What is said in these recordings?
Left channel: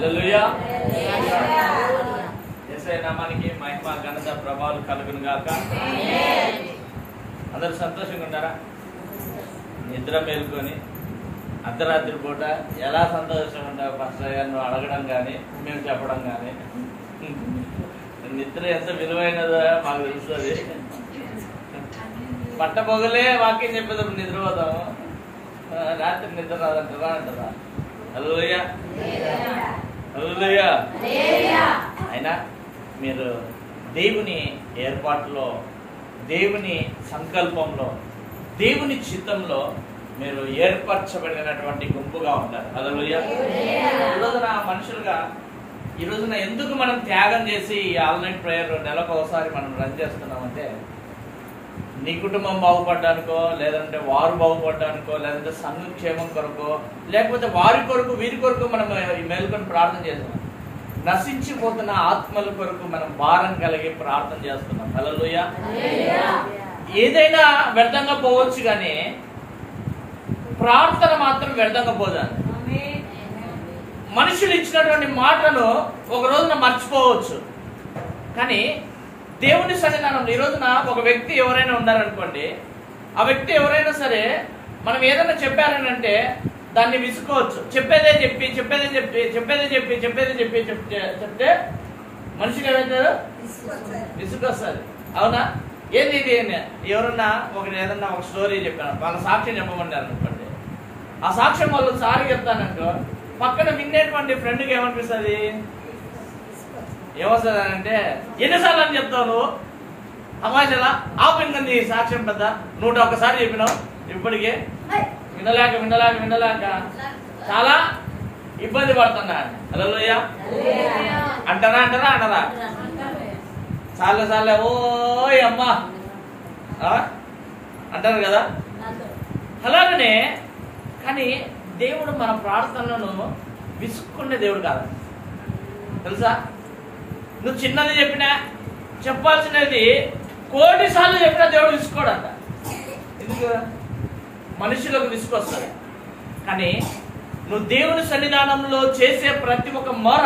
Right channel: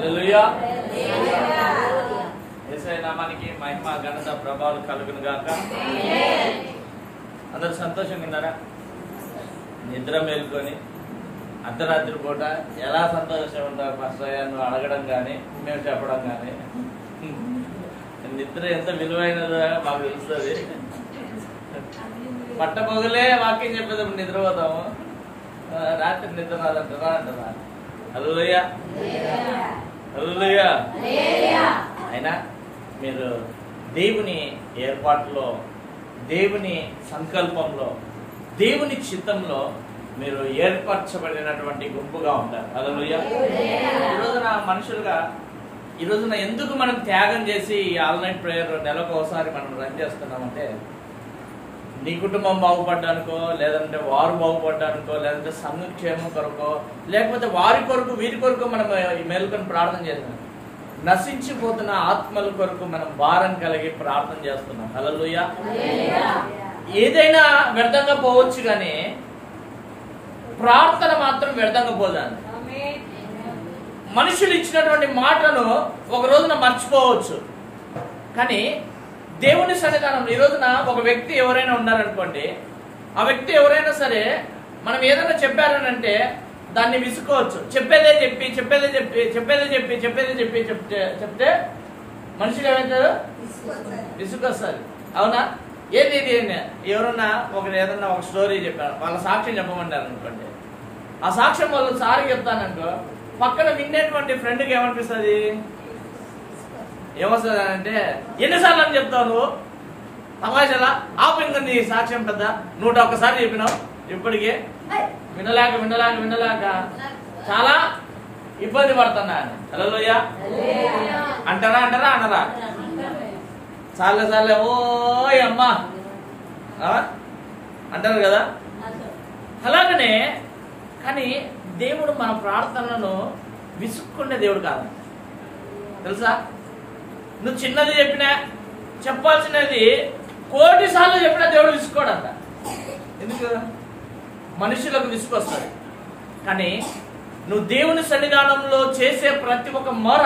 హల్లెలూయా. యేసయ్య నామానికి మహిమ ఘనత ప్రభావాలు కలుగును గాక. అందరు సంతోషంగా ఉన్నారా? నిద్ర మేల్కొని అర్ధరాత్రి పూట ఎలా సంతోషంగా ఉంటారు పాస్టర్ గారు నువ్వు అడగడం కానీ మేము చెప్పడం కానీ. నిద్ర ఎంత విలువైనదో మాకు తెలుస్తుంది. పట్టపొగలే వాక్యం చెప్పేటప్పుడు నిద్రపోతాము, రాత్రి నిద్ర రాదంటారా అంటారా? హల్లెలూయా హల్లెలూయా. అయినా మీరు దేవుని ఏర్పాటులో, దేవుని సంకల్పంలో, దేవుని చిత్తంలో మీరు ఏర్పరచబడినటువంటి గుంపుగా ఉంటారు. హల్లెలూయా. ఈ రోజున మనుషులుగా ఈ రోజున ఎందుకు మనం త్యాగం చేసి ఈ ఆల్ నైట్ ప్రేయర్ నెలకు ఒకసారి మనం రన్ చేస్తున్నామంటే నీ కుటుంబం బాగుపడ్డానికో, లేదంటే వారు బాగుపడ్డానికో, లేదంటే సంక్షేమం కొరకో, లేకపోతే వారి కొరకు వీరి కొరకు మనం ఈ మేలుకొని ప్రార్థన చేస్తున్నాం. నశించిపోతున్న ఆత్మల కొరకు మనం భారం కలిగి ప్రార్థన చేస్తున్నాం. హల్లెలూయా. ఏదైనా వ్యర్థంగా పోవచ్చు కానీ ప్రార్థన మాత్రం వ్యర్థంగా పోదాను. మనుషులు ఇచ్చినటువంటి మాటను ఒక రోజున మర్చిపోవచ్చు, కానీ దేవుని సన్నిధానంలో ఈ రోజున ఒక వ్యక్తి ఎవరైనా ఉన్నారనుకోండి, ఆ వ్యక్తి ఎవరైనా సరే మనం ఏదైనా చెప్పారనంటే దాన్ని విసుకోవచ్చు. చెప్పేదే చెప్పి చెప్తే మనుషులు ఏమవుతారు? విసుకొస్తారు. అవునా? ఏంది ఇది? ఎవరన్నా ఏదన్నా ఒక స్టోరీ చెప్పాను, వాళ్ళ సాక్ష్యం చెప్పమన్నారు అనుకోండి, ఆ సాక్ష్యం వాళ్ళు సారి చెప్తాననుకో, పక్కన వినేటువంటి ఫ్రెండ్కి ఏమనిపిస్తుంది? ఏమొస్తుంది అంటే ఎన్నిసార్లు అని చెప్తావు నువ్వు తమాషలా ఆపు, ఇంకా నీ సాక్ష్యం పెద్ద 101 చెప్పినావు, ఇప్పటికే వినలేక చాలా ఇబ్బంది పడుతున్నాను. హల్లెలూయా. అంటారా అనరా? చాలే ఓయ్ అమ్మా అంటారు కదా. అలాగనే కానీ దేవుడు మన ప్రార్థనలను విసుక్కునే దేవుడు కాదు, తెలుసా? నువ్వు చిన్నది చెప్పినా, చెప్పాల్సినది 1,000 సార్లు చెప్పినా దేవుడు విసుకోడంట. ఎందుకు? మనుషులకు విసుకొస్తుంది. కానీ నువ్వు దేవుని సన్నిధానంలో చేసే ప్రతి ఒక్క మొర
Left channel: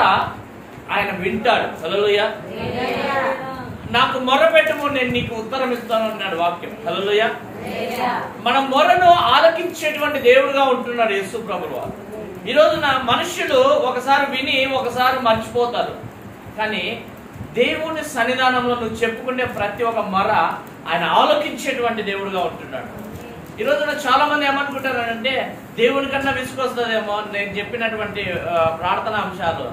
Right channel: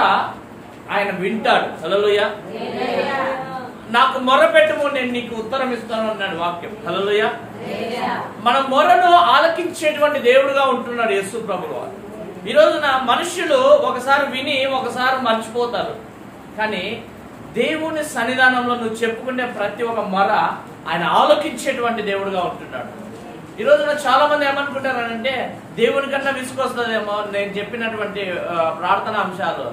ఆయన వింటాడు. హల్లెలూయా. నాకు మొర పెట్టము, నేను నీకు ఉత్తరం ఇస్తాను అన్నాడు వాక్యం. హల్లెలూయా. మన మొరను ఆలకించేటువంటి దేవుడుగా ఉంటున్నాడు యేసు ప్రభువు. ఈ రోజున మనుషులు ఒకసారి విని ఒకసారి మర్చిపోతారు, కానీ దేవుని సన్నిధానంలో నువ్వు చెప్పుకునే ప్రతి ఒక్క మొర ఆయన ఆలోకించేటువంటి దేవుడుగా ఉంటున్నాడు. ఈ రోజున చాలా మంది ఏమనుకుంటారంటే దేవుని కన్నా విసుకొస్తుందేమో నేను చెప్పినటువంటి ప్రార్థనా అంశాలు.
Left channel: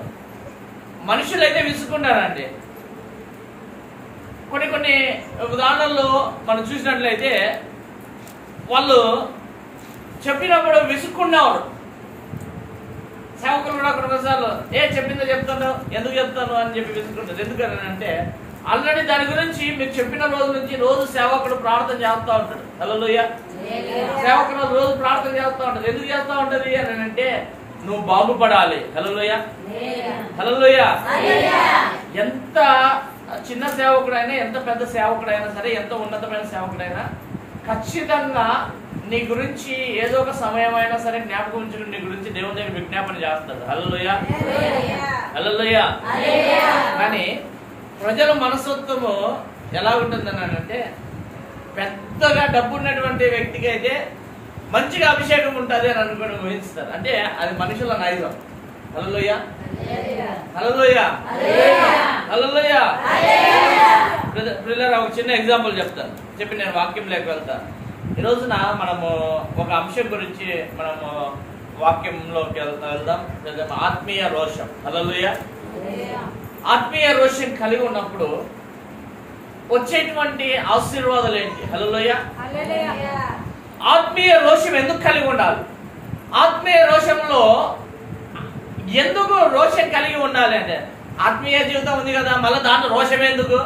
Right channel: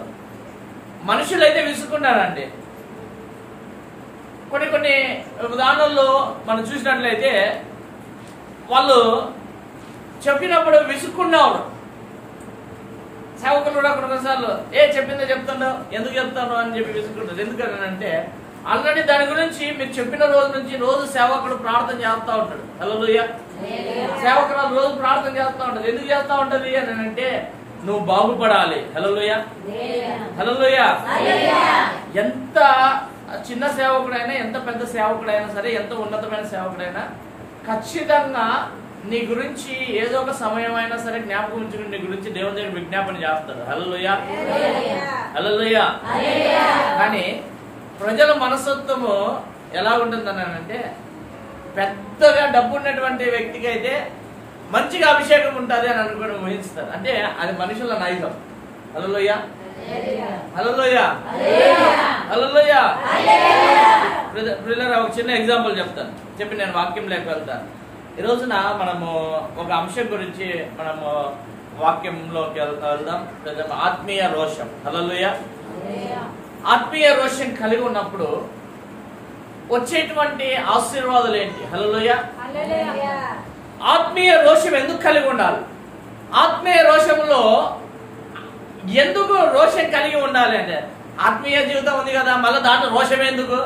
మనుషులైతే విసుకున్నారండి. కొన్ని ఉదాహరణల్లో మనం చూసినట్లయితే వాళ్ళు చెప్పినప్పుడు విసుక్కున్నవారు. సేవకులు కూడా కొన్నిసార్లు చెప్పిందో చెప్తాను, ఎందుకు చెప్తాను అని చెప్పి విసుకుంటారు. ఎందుకనంటే ఆల్రెడీ దాని గురించి మీరు చెప్పిన రోజు నుంచి రోజు సేవకుడు ప్రార్థన చేస్తూ ఉంటాడు. హల్లెలూయా. సేవకుడు రోజు ప్రార్థన చేస్తూ ఉంటాడు. ఎందుకు చేస్తూ ఉంటది అని అంటే నువ్వు బాగుపడాలి. హల్లెలూయా హల్లెలూయా. ఎంత చిన్న సేవకుడైనా, ఎంత పెద్ద సేవకుడైనా సరే, ఎంత ఉన్నతమైన సేవకుడైనా ఖచ్చితంగా నీ గురించి ఏదో ఒక సమయం అయినా సరే జ్ఞాపకం ఉంచుకుని నీ గురించి దేవుని దగ్గర విజ్ఞాపన చేస్తాడు. హల్లెలూయా హల్లెలూయా. కానీ ప్రజల మనస్తత్వము ఎలా ఉంటుందని అంటే పెద్దగా డబ్బు ఉన్నటువంటి వ్యక్తికి అయితే మంచిగా అభిషేకం ఉంటుంది అని అనుకోవడం ఊహిస్తారు. అంటే అది మనుషుల నైజం. హల్లెలూయా హల్లెలూయా హల్లెలూయా. బ్రదర్ ఒక చిన్న ఎగ్జాంపుల్ చెప్తాను, చెప్పి నేను వాక్యంలోకి వెళ్తాను. ఈ రోజున మనము ఒక అంశం గురించి మనము వాక్యంలోకి వెళ్దాం. ఆత్మీయ రోషం. హల్లెలూయా. ఆత్మీయ రోషం కలిగి ఉన్నప్పుడు వచ్చేటువంటి ఆశీర్వాదాలు ఏంటి? హల్లెలూయా. ఆత్మీయ రోషం ఎందుకు కలిగి ఉండాలి? ఆత్మీయ రోషంలో ఎందుకు రోషం కలిగి ఉండాలి అంటే ఆత్మీయ జీవితం ఉంది కదా, మళ్ళీ దాంట్లో రోషం ఎందుకు?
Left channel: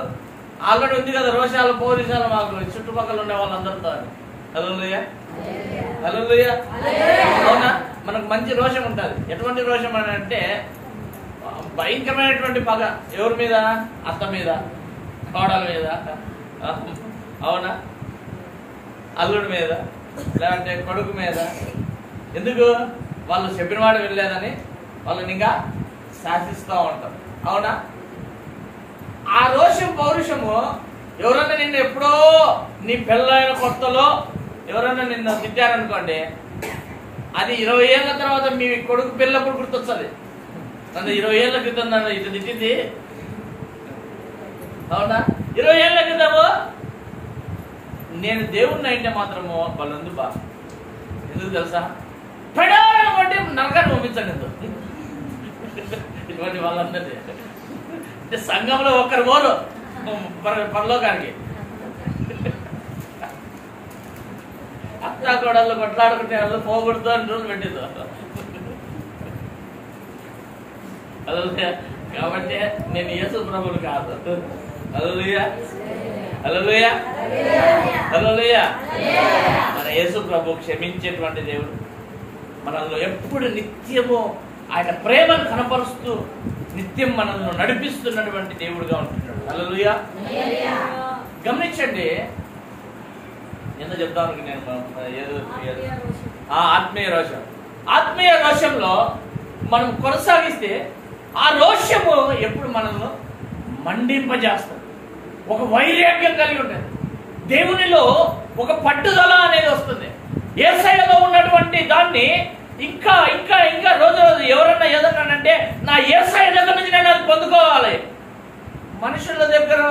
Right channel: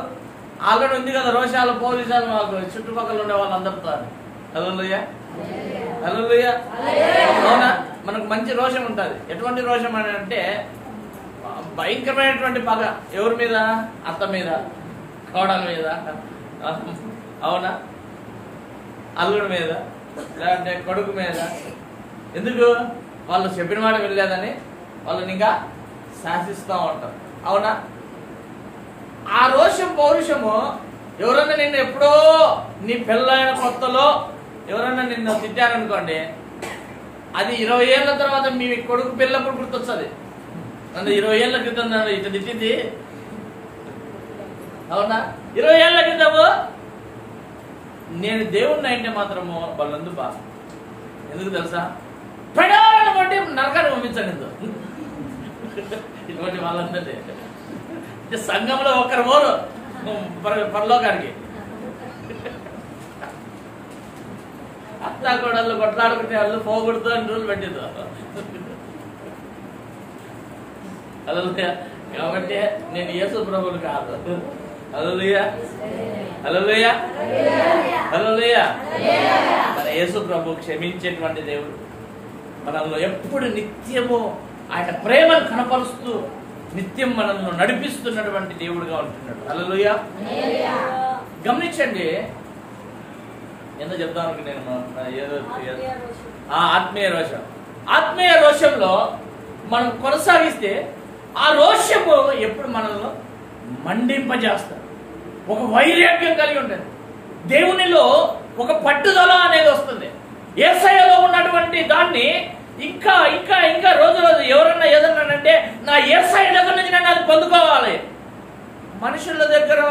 ఆల్రెడీ ఉంది కదా రోషాలు, పోలీసాలు మాకు చుట్టుపక్కల ఉండే వాళ్ళందరితో. హల్లెలూయా హల్లెలూయా. అవునా? మనకు మంచి రోషం ఉంటుంది. ఎటువంటి రోషం అని అంటే భయంకరమైనటువంటి పగ. ఎవరి మీద? అత్త మీద, కోడల మీద, అవునా, అల్లుడి మీద, లేదంటే కొడుకు మీద. ఎందుకు? వాళ్ళు చెప్పిన మాట వెళ్ళలేదని వాళ్ళని ఇంకా శాసిస్తూ ఉంటారు. అవునా? ఆ రోషం పౌరుషము ఎవరన్నా నిన్ను ఎప్పుడో నీ పెళ్ళైన కొత్తలో ఎవరన్నా నిన్ను తిట్టారనుకోండి, అది 20 ఏళ్ళ తర్వాత మీ కొడుకు పెళ్ళప్పుడు గుర్తొస్తుంది. నన్ను 20 ఏళ్ళ క్రితం నన్ను ఇటు తిట్టింది. అవునా? 20 ఏళ్ళ క్రితము నేను దేవుణ్ణి అయితే మాత్రము వాళ్ళందు బాగా ఎందుకు తెలుసా, పెడాలని బట్టి నరకాన్ని పంపించాను. ఇటువంటి వాళ్ళందరినీ అంటే సంఘంలో ఒక్కరు పోరు పరలోకానికి. అత్తా కోడళ్ళు కొట్లాడుకుంటే వాళ్ళు పోగొడుతూ అని రోజులు పెట్టింది. హల్లెలూయా. కాబట్టి నేను యేసు ప్రభువుని కాదు. హల్లెలూయా, హల్లెలూయా, హల్లెలూయా. మన యేసు ప్రభు క్షమించేటువంటి దేవుడు, మనలో ఎప్పుడు నిత్యము ఆయన ప్రేమను కనపరుస్తూ నిత్యం మనల్ని నడిపిస్తున్నటువంటి దేవుడుగా ఉంటున్నాడు. హల్లెలూయా. గమనించండి, ఎందుకు చెప్తానికి నేను ఆత్మీయ రోషం. ఆత్మీయ రోషంలో మనం కొనసాగిస్తే ఆ రోషము ఎప్పుడు మనల్ని మండింపజేస్తుంది. ఒక వైరాగ్యం కలిగి ఉంటుంది. దేవునిలో ఒక పట్టుదల అనేది వస్తుంది. యేసయ్యలో ఉన్నటువంటి దాన్ని ఇంకా ఇంకా ఇంకా రోజు రోజు ఎవరన్నా ఏదన్నానంటే నా యేసయ్య దగ్గర నుంచి నేను అది పొందుకోవాలి. మనుషుల దగ్గర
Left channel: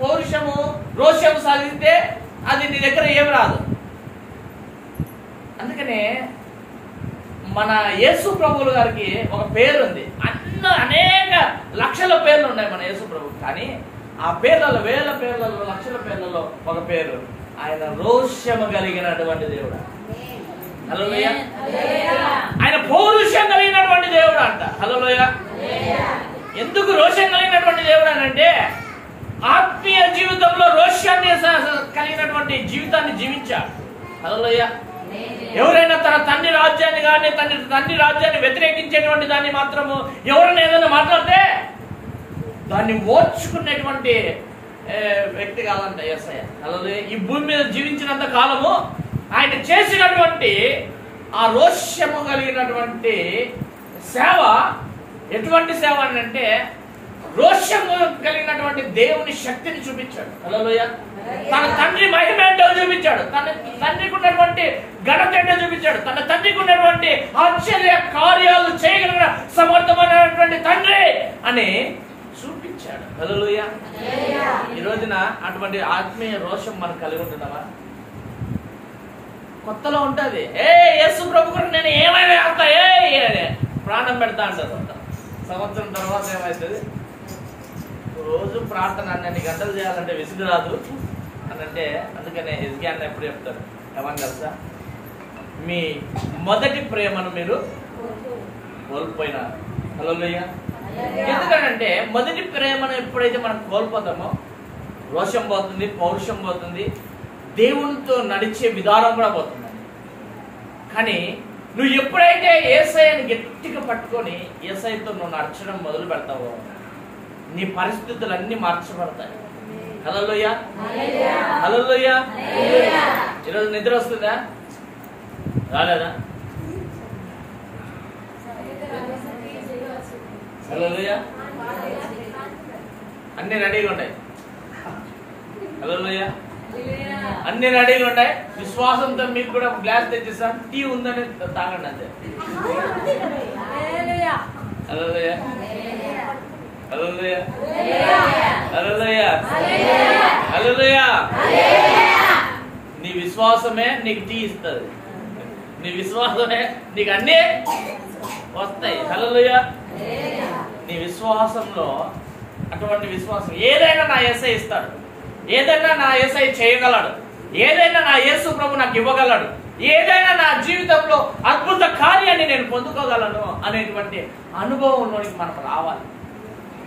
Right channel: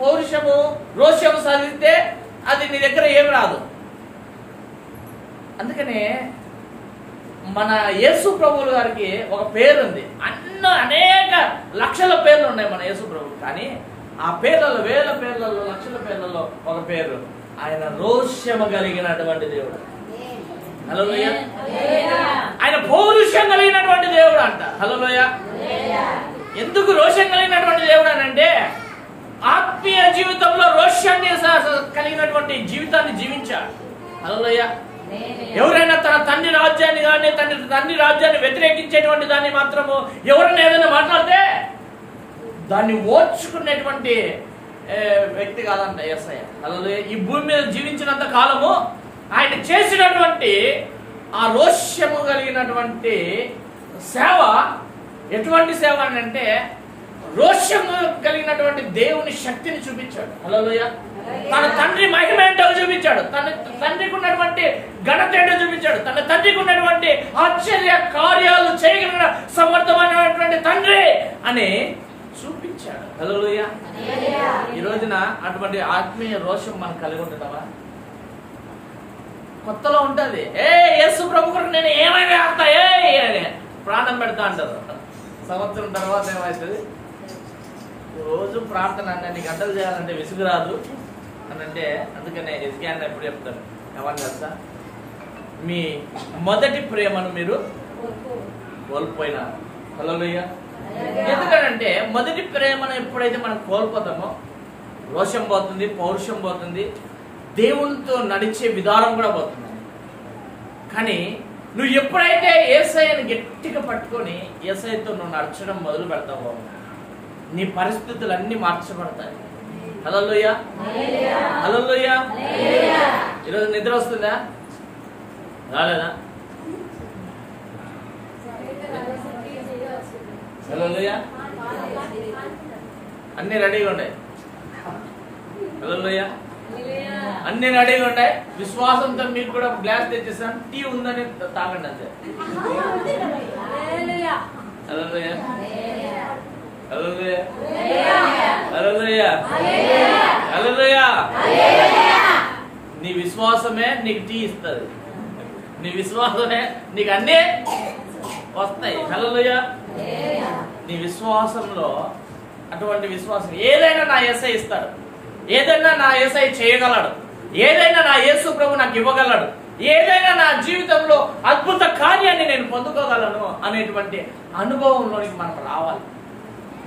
పౌరుషము రోషము సాధిస్తే అది నీ దగ్గర ఏమి రాదు. అందుకనే మన యేసు ప్రభువుల గారికి ఒక పేరు ఉంది. అనేక లక్షల పేర్లు ఉన్నాయి మన యేసు ప్రభువు. కానీ ఆ పేర్లలో, వేల పేర్లలో, లక్షల పేర్లలో ఒక పేరు, ఆయన రోషము కలిగినటువంటి దేవుడు. హల్లెలూయా. ఆయన పౌరుషం కలిగినటువంటి దేవుడు అంట. హల్లెలూయా. ఎందుకు రోషం కలిగినటువంటి దేవుడు అని అంటే, ఆత్మీయ జీవితంలో రోషాన్ని కలిగినటువంటి జీవితాన్ని జీవించాడు. హల్లెలూయా. ఎవరైనా తన తండ్రి రాజ్యాన్ని కానీ తండ్రి రాజ్యాన్ని వ్యతిరేకించేటువంటి దాన్ని మాత్రము ఎవరైనా ఏదైనా మాట్లాడితే దాన్ని ఓర్చుకునేటువంటి వ్యక్తి కాదంట యేసయ్య. హల్లెలూయా. ఈ భూమి మీద జీవించినంత కాలము ఆయన చేసినటువంటి ఆ రోషము కలిగినటువంటి సేవ ఎటువంటి సేవ అని అంటే, రోషము కలిగినటువంటి దేవుని శక్తిని చూపించాడు. హల్లెలూయా. తన తండ్రి మహిమ ఏంటో చూపించాడు. తన తండ్రికి ఉన్నటువంటి ఘనత ఏంటో చూపించాడు. తన తండ్రికి ఉన్నటువంటి ఆశ్చర్య కార్యాలు చేయగలిగిన సమర్థమైనటువంటి తండ్రి అని చూపించాడు. హల్లెలూయా. ఈ రోజున అటువంటి ఆత్మీయ రోషం మనం కలిగి ఉంటున్నామా? కొత్తలో ఉంటుంది. యేసు ప్రభు నేను ఏమైనా ఆడతా ప్రాణం పెడతా అంటారు. సంవత్సరం తర్వాత ఏమవుతుంది? రోజు ప్రార్థన 2 గంటలు చేయాలంటే విసుగు రాదు అని అంటే, అందుకనే ఎజ్కియా ఎప్పుడు చెప్తారు, ఏమని తెలుసా, మీ మొదటి ప్రేమను మీరు కోల్పోయినారు. హల్లెలూయా. ఎందుకంటే మొదటి ప్రేమను ఎప్పుడైతే మనం కోల్పోతామో రోషం పోతుంది, పౌరుషం పోతుంది, దేవునితో నడిచే విధానం కూడా పోతుంది. కానీ నువ్వు ఎప్పుడైతే యేసయ్యను గట్టిగా పట్టుకొని యేసయ్యతో నువ్వు నడచడం మొదలు పెడతావో నీ పరిస్థితులన్నీ మార్చబడతాయి. హల్లెలూయా, హల్లెలూయా. ఈరోజు నిద్ర వస్తుందా? రాలేదా? హల్లెలూయా. అన్ని రెడీగా ఉన్నాయి. హల్లెలూయా. అన్ని రెడీగా ఉంటాయి. విశ్వాసంతో మీకు కూడా గ్లాస్ తెచ్చేస్తాను, టీ ఉందని తాగండి అంతే. హల్లెలూయా, హల్లెలూయా, హల్లెలూయా, హల్లెలూయా. నీ విశ్వాసమే నీకు టీ ఇస్తుంది. నీ విశ్వాసమే నీకు అన్నీ వస్తాయి. హల్లెలూయా. నీ విశ్వాసంలో అటువంటి విశ్వాసం ఏదైనా నా యేసయ్య ఇస్తాడు, ఏదైనా నా యేసయ్య చేయగలడు, ఏదైనా నా యేసు ప్రభు నాకు ఇవ్వగలడు, ఏదైనా నా జీవితంలో అద్భుత కార్యాన్ని నేను పొందుకోగలను అనేటువంటి అనుభవంలోనికి మనం రావాలి.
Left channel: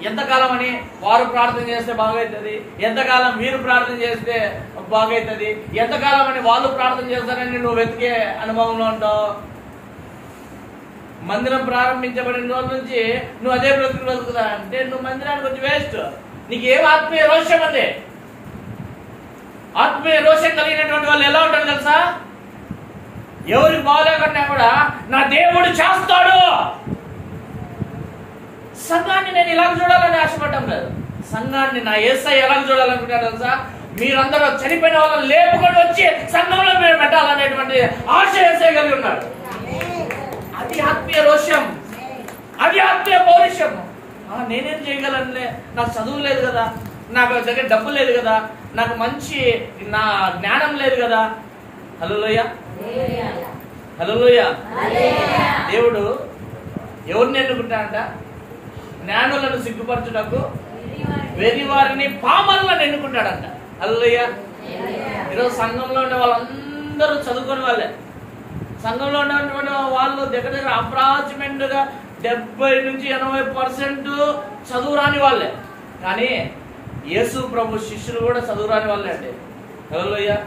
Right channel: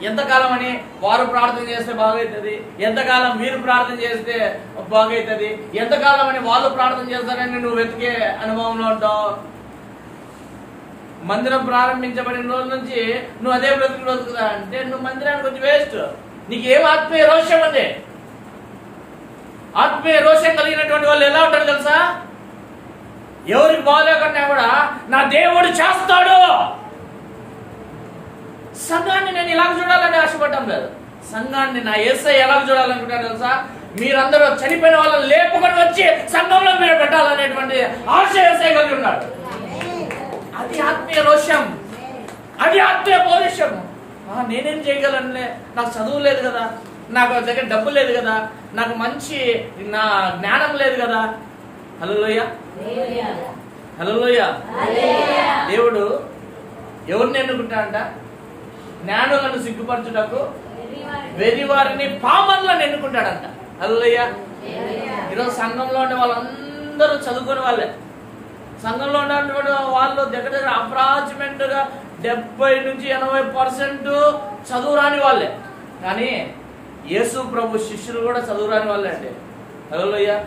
ఎంతకాలం అని వారు ప్రార్థన చేస్తే బాగవుతుంది, ఎంతకాలం మీరు ప్రార్థన చేస్తే బాగవుతుంది, ఎంతకాలం అని వాళ్ళు ప్రార్థన చేస్తారని నువ్వు వెతికే అనుభవంలో ఉంటావు. మందిరం ప్రారంభించబడిన రోజు నుంచి నువ్వు అదే బ్రతుకుదా అంటే నువ్వు మందిరానికి వచ్చి వేస్ట్. నీకేం ఆత్మీయ రోషం అండి. ఆత్మీయ రోషం కలిగినటువంటి వాళ్ళు ఎలా ఉంటారు తెలుసా? ఎవరికి బాగోలేకుండా కూడా నా దేవుడు చేస్తాడు, సంఘాన్ని నేను ఇలాగ చూడాలని ఆశపడటం లేదు. సంఘాన్ని నా యేసయ్య ఎలాగ చూడాలనుకుంటారు తెలుసా? మీరందరూ చనిపోయిన వాళ్ళని లేపుకొని వచ్చి సంఘంలో మీరు పెట్టాలనేటువంటి ఆశ యేసయ్య కలిగి ఉన్నాడు. అది ఆత్మీయ రోషం, అది ఆత్మీయ పౌరుషం. నేనేం చేయగలను, నాకు చదువు లేదు కదా, నాకు దగ్గర డబ్బు లేదు కదా, నాకు మంచి నా జ్ఞానం లేదు కదా. హల్లెలూయా, హల్లెలూయా. దేవుడు ఎవరిని ఎన్నుకుంటాడంట? జ్ఞానులను సిగ్గుపరచుటకు వెర్రి వారిని పామరులను ఎన్నుకుంటాడంట. హల్లెలూయా. ఈరోజు సంఘంలో ఉండే వాళ్ళందరూ చదువుకునే వాళ్ళే. సంఘంలో ఉన్నటువంటి వాళ్ళు దగ్గర దగ్గర అప్రాచ్మెంట్ గా 70 నుంచి 80% చదువు రాని వాళ్ళే. కానీ యేసు ప్రభు శిష్యులు కూడా చదువు రాని వాళ్ళే అండి. హల్లెలూయా.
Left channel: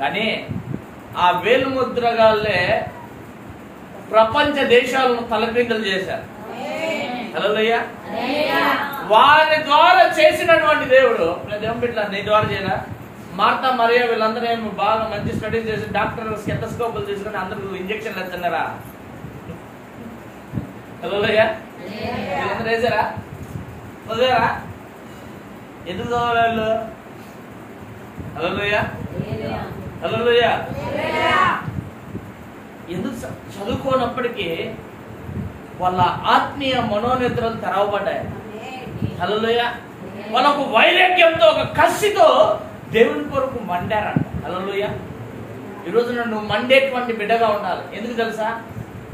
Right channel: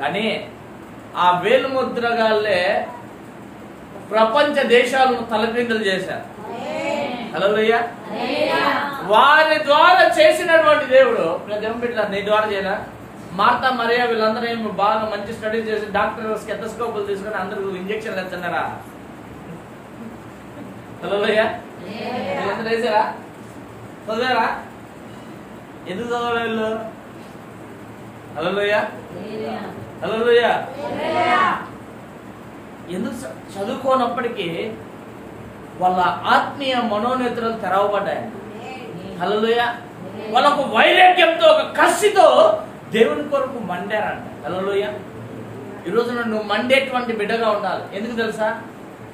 కానీ ఆ వేలు ముద్రగాళ్ళే ప్రపంచ దేశాలను తలక్రిందులు చేశారు. హల్లెలూయా. వారి ద్వారా చేసినటువంటి దేవుడు దేవుని బిడ్డ నీ ద్వారా చేయరా? మార్తా మరియా వీళ్ళందరూ ఏమి బాగా మంచి స్టడీ చేసి డాక్టర్ స్టెతస్కోపులు తీసుకుని అందరూ ఇంజక్షన్లు వేస్తున్నారా? హల్లెలూయా. వీళ్ళందరూ వేసారా? చదివారా? ఎందుకు చదవాలి వాళ్ళు? హల్లెలూయా, హల్లెలూయా. ఎందుకు చదువుకోనప్పటికీ వాళ్ళ ఆత్మీయ మనోనేత్రాలు తెరవబడ్డాయి. హల్లెలూయా. వాళ్ళకు వైరాగ్యంతో, ఒక కసితో దేవుని కొరకు మండారంట. హల్లెలూయా. ఈ రోజున నువ్వు మండేటువంటి బిడ్డగా ఉండాలి. ఎందుకు తెలుసా?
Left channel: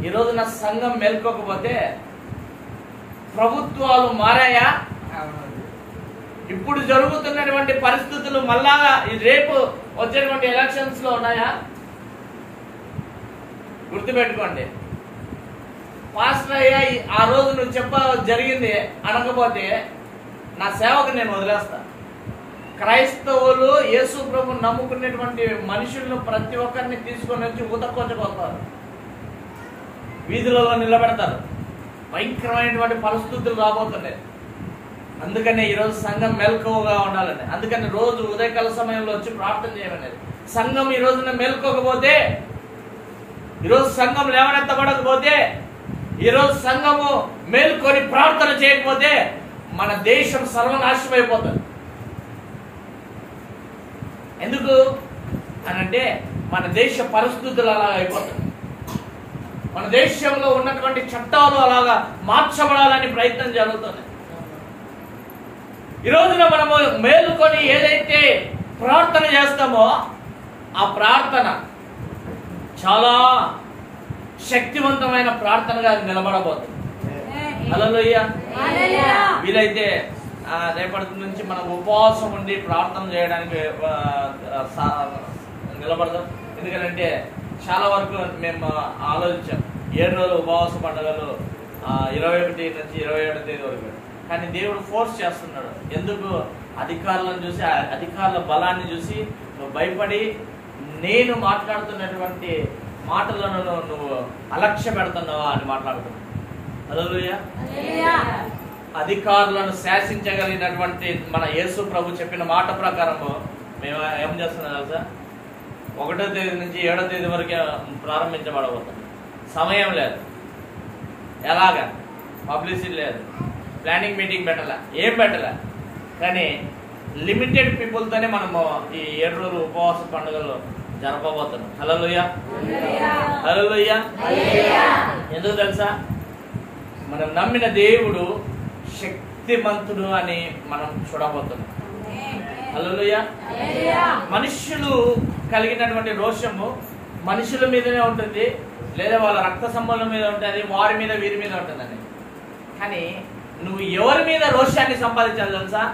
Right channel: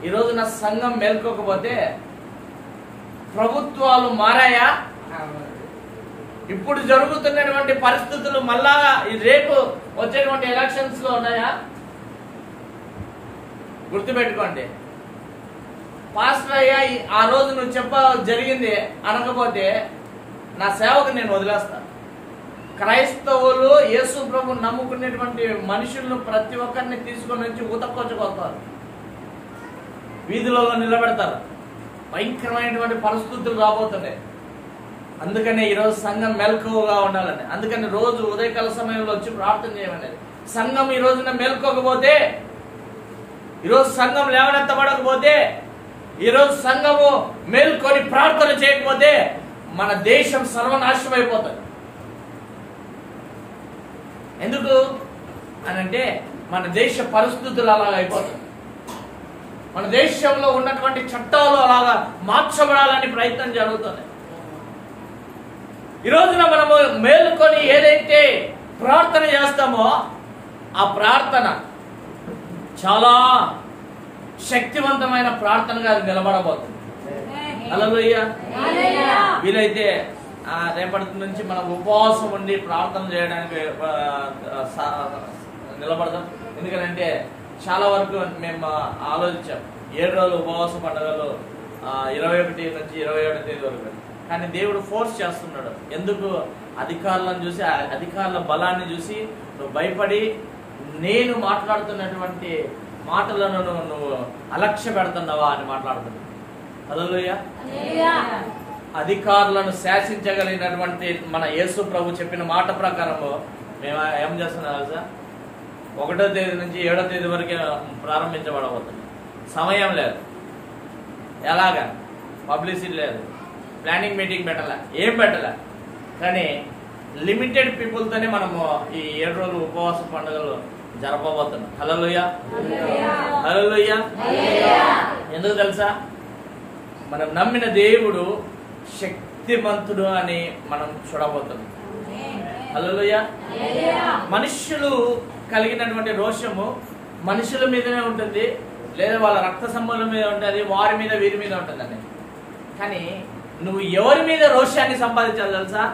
ఈ రోజున సంఘం మేల్కోకపోతే ప్రభుత్వాలు మారాయా? ఇప్పుడు జరుగుతున్నటువంటి పరిస్థితులు మళ్ళా రేపు వచ్చేటువంటి ఎలక్షన్స్ లో ఉన్నాయా? గుర్తుపెట్టుకోండి. పాస్టర్ అయ్యా ఆ రోజు నువ్వు జరిగింది అనకపోతే నా సేవకు నేను వదిలేస్తాను. క్రైస్తవులు యేసు ప్రభు నమ్ముకునేటువంటి మనుషులను ప్రతి ఒక్కరిని తీసుకొని వచ్చి ఊతకొచ్చుకొస్తారు, వీధులలో నిలబెడతారు. భయంకరమైనటువంటి పరిస్థితులు రాబోతున్నాయి. అందుకనే ఈరోజు సంఘం మెలకువగా ఉండాలని, అందుకని రోజు ఉదయకాల సమయంలో వచ్చి ప్రార్థన చేయమనేది. సంఘం ఈ రోజున మేల్కోకపోతే, ఈరోజు సంఘం లేవనెత్తబడకపోతే, ఈరోజు సంఘము మేల్కొని ప్రార్థన చేయకపోతే మన దేశం సర్వనాశనం అయిపోతుంది. ఎందుకు అనంటే మన దేశ పరిస్థితులు అలాగ అయిపోతుంది. మన దేశంలో ఉన్నటువంటి చట్టాలు అలాగా మార్చబడాలని ప్రయత్నం జరుగుతుంది. ఈ రోజున మనము మేలుకొని ఏదైతే ప్రార్థన చేస్తామో ఆ ప్రార్థన చాలా శక్తివంతమైన ప్రార్థనగా నిలబడబోతుంది. హల్లెలూయా. వీలైతే రేపటి నుంచి మనం ఉపవాసం ఉండి ప్రార్థన చేయడానికి నిలబడదాం. ఎందుకంటే చాలా వరకు మేము ఆలోచించాం 7 రోజులు ఉపవాస పండుగలు 21 నుంచి 27 తేదీ వరకు. కానీ దేవుడు ఫోర్స్ చేస్తున్నాడు. ఎందుకు? అధికారులను చూసి, అధికారుల బలాన్ని చూసి నువ్వు భయపడి నేను మాట్లాడుతున్నటువంటి మాటలను నువ్వు అలక్ష్య పెడుతున్నావా అని మాట్లాడుతున్నావు. హల్లెలూయా. అధికారులను శాసించగలిగినటువంటి మన యేసు ప్రభు చెప్పిన మాట ప్రకారం మేము ఏం చేస్తున్నాం తెలుసా? 1వ తేదీ నుంచి 7వ తేదీ వరకే ప్రారంభించబడబోతుంది. సమయం లేదు, ఎలాగా పబ్లిసిటీ లేదు, ప్లానింగ్ మీటింగ్ పెట్టాల, ఏం పెట్టాల. కానీ లిమిటెడ్ పీపుల్తోనే మనము ఈ 7 రోజులు ఉపవాస పండుగలు జరపబోతున్నాం. హల్లెలూయా, హల్లెలూయా. ఎందుకు తెలుసా? మనం నమ్మిన దేవుడు శక్తిమంతుడు అని మనం చూడబోతున్నాం. హల్లెలూయా. మనుషులు కలిగినటువంటి రోషము మనుషుల మీదనే ఉంటుంది, లేదా వాళ్ళ రక్త సంబంధం మీద ఉంటుంది, వారి మీద వీరి మీద ఉంటుందండి. కానీ నువ్వు ఎవరి మీద రోషాన్ని సంపాదించాలి తెలుసా?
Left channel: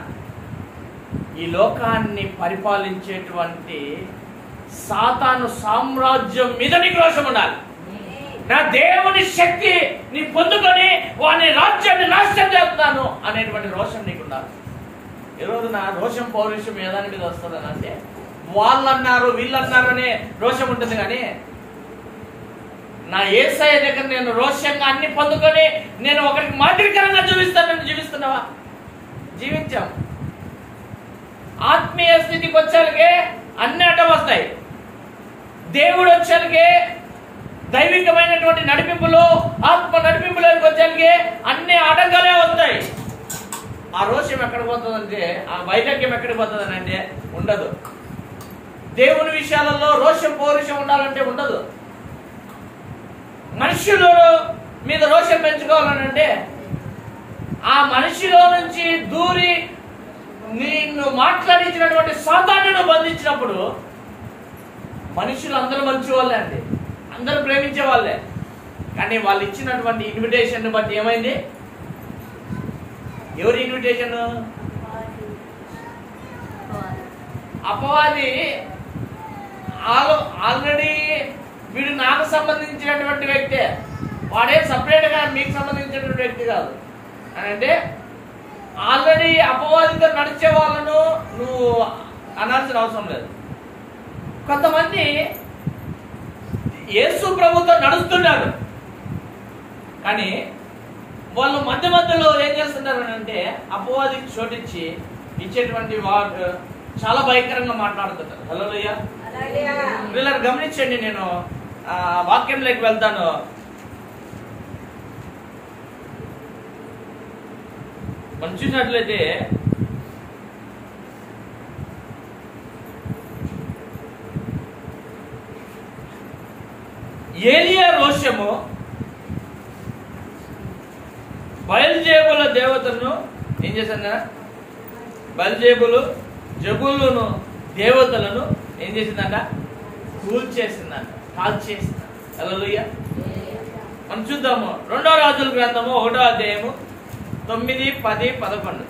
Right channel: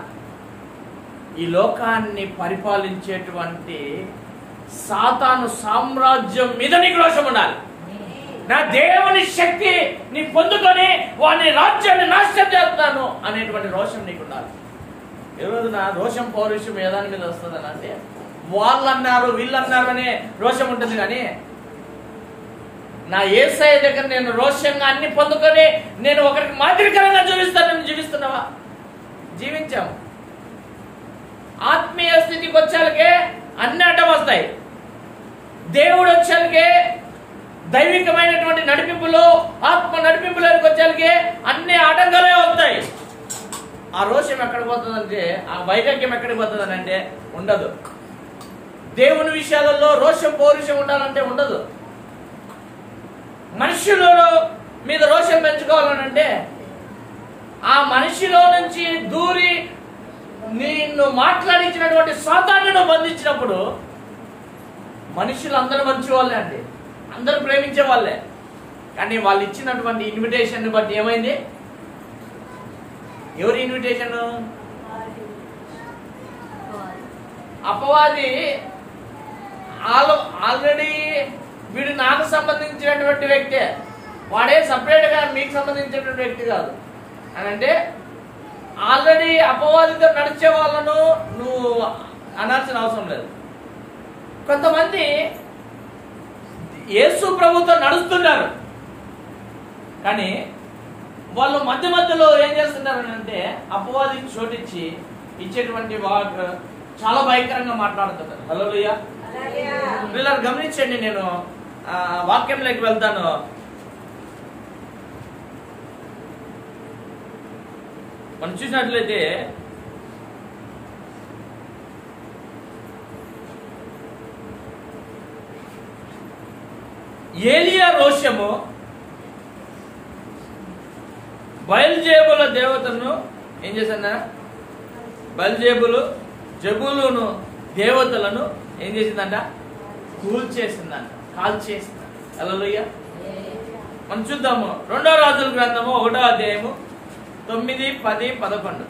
ఈ లోకాన్ని పరిపాలించేటువంటి సాతాను సామ్రాజ్యం మీద నీకు రోషం ఉండాలి. నా దేవుని శక్తి నీ పొందుకొని వాని రాజ్యాన్ని నాశనం చేస్తాను అనేటువంటి రోషం నీకు ఉండాలి. ఈ రోజున రోషం పౌరుషం ఏదాని మీద వస్తుందని అంటే వాళ్ళన్నారు వీళ్ళన్నారు అనే రోషం ఉంటుంది. కానీ నా యేసయ్య దగ్గర నేను రోషంగా అన్ని పొందుకొని నేను ఒకరికి మాదిరికరంగా జీవిస్తానని జీవిస్తున్నావా? జీవించాం. ఆత్మీయ స్థితికి వచ్చాలకే అన్ని అడ్డం వస్తాయి. దేవుడు వచ్చాలకే దైవికమైనటువంటి నడిపింపులు, ఆత్మ నడిపింపులోకి వచ్చేసరికి అన్ని ఆటంకాలే వస్తాయి. ఆ రోషం ఎక్కడికి పోతుందంటే, ఆ వైరాగ్యం ఎక్కడికి పోతుందని అంటే ఉండదు. దేవుని విషయాలలో రోషం పౌరుషం ఉండాలంటే ఉండదు. మనుషుల మీద రోషం పెంచుకోవాలనంటే ఆ మనిషిలో నుంచి దూరి నిన్ను మాట్లాడించినటువంటి సాతాన్ని నువ్వు బంధించినప్పుడు, మనుషులు అందరూ మంచి వాళ్ళే అండి, అందరూ ప్రేమించే వాళ్ళే. కానీ వాళ్ళు ఇచ్చినటువంటి ఇన్విటేషన్ బట్టి ఏమైంది? ఎవరి ఇన్విటేషన్? అపవాది. ఆల్రెడీ వీడు నాకు సంబంధించినటువంటి వ్యక్తే, వాడే సపరేట్ గా మీకు సంబంధించినటువంటి వ్యక్తి కాదు అని అంటే, ఆల్రెడీ అపవాదితో నడిచే వాళ్ళను నువ్వు అనాల్సిన అవసరం లేదు. కొంతమంది యేసు ప్రభుతో నడుస్తున్నారు, కానీ వాళ్ళు మధ్య మధ్యలో ఏం చేస్తున్నారు అంటే అపవాదికి చోటిచ్చి ఇచ్చేటువంటి వాడు చాలా భయంకరంగా మాట్లాడుతున్నారు. హల్లెలూయా. వీళ్ళని గమనించండి. నేను వాక్యంలోకి వెళ్తాను. మనం చూసినట్లయితే ఏలియా రోషము బయల్జేబుల దేవతలను ఏం చేశాన? బయల్జేబులు జబులును దేవతలను ఏం చేసిందంట? కూల్చేసిందంట, కాల్చేసిందంట. హల్లెలూయా. మనం చూద్దాము 2వ రాజుల గ్రంథము 1వ అధ్యాయము 9, 10, 11.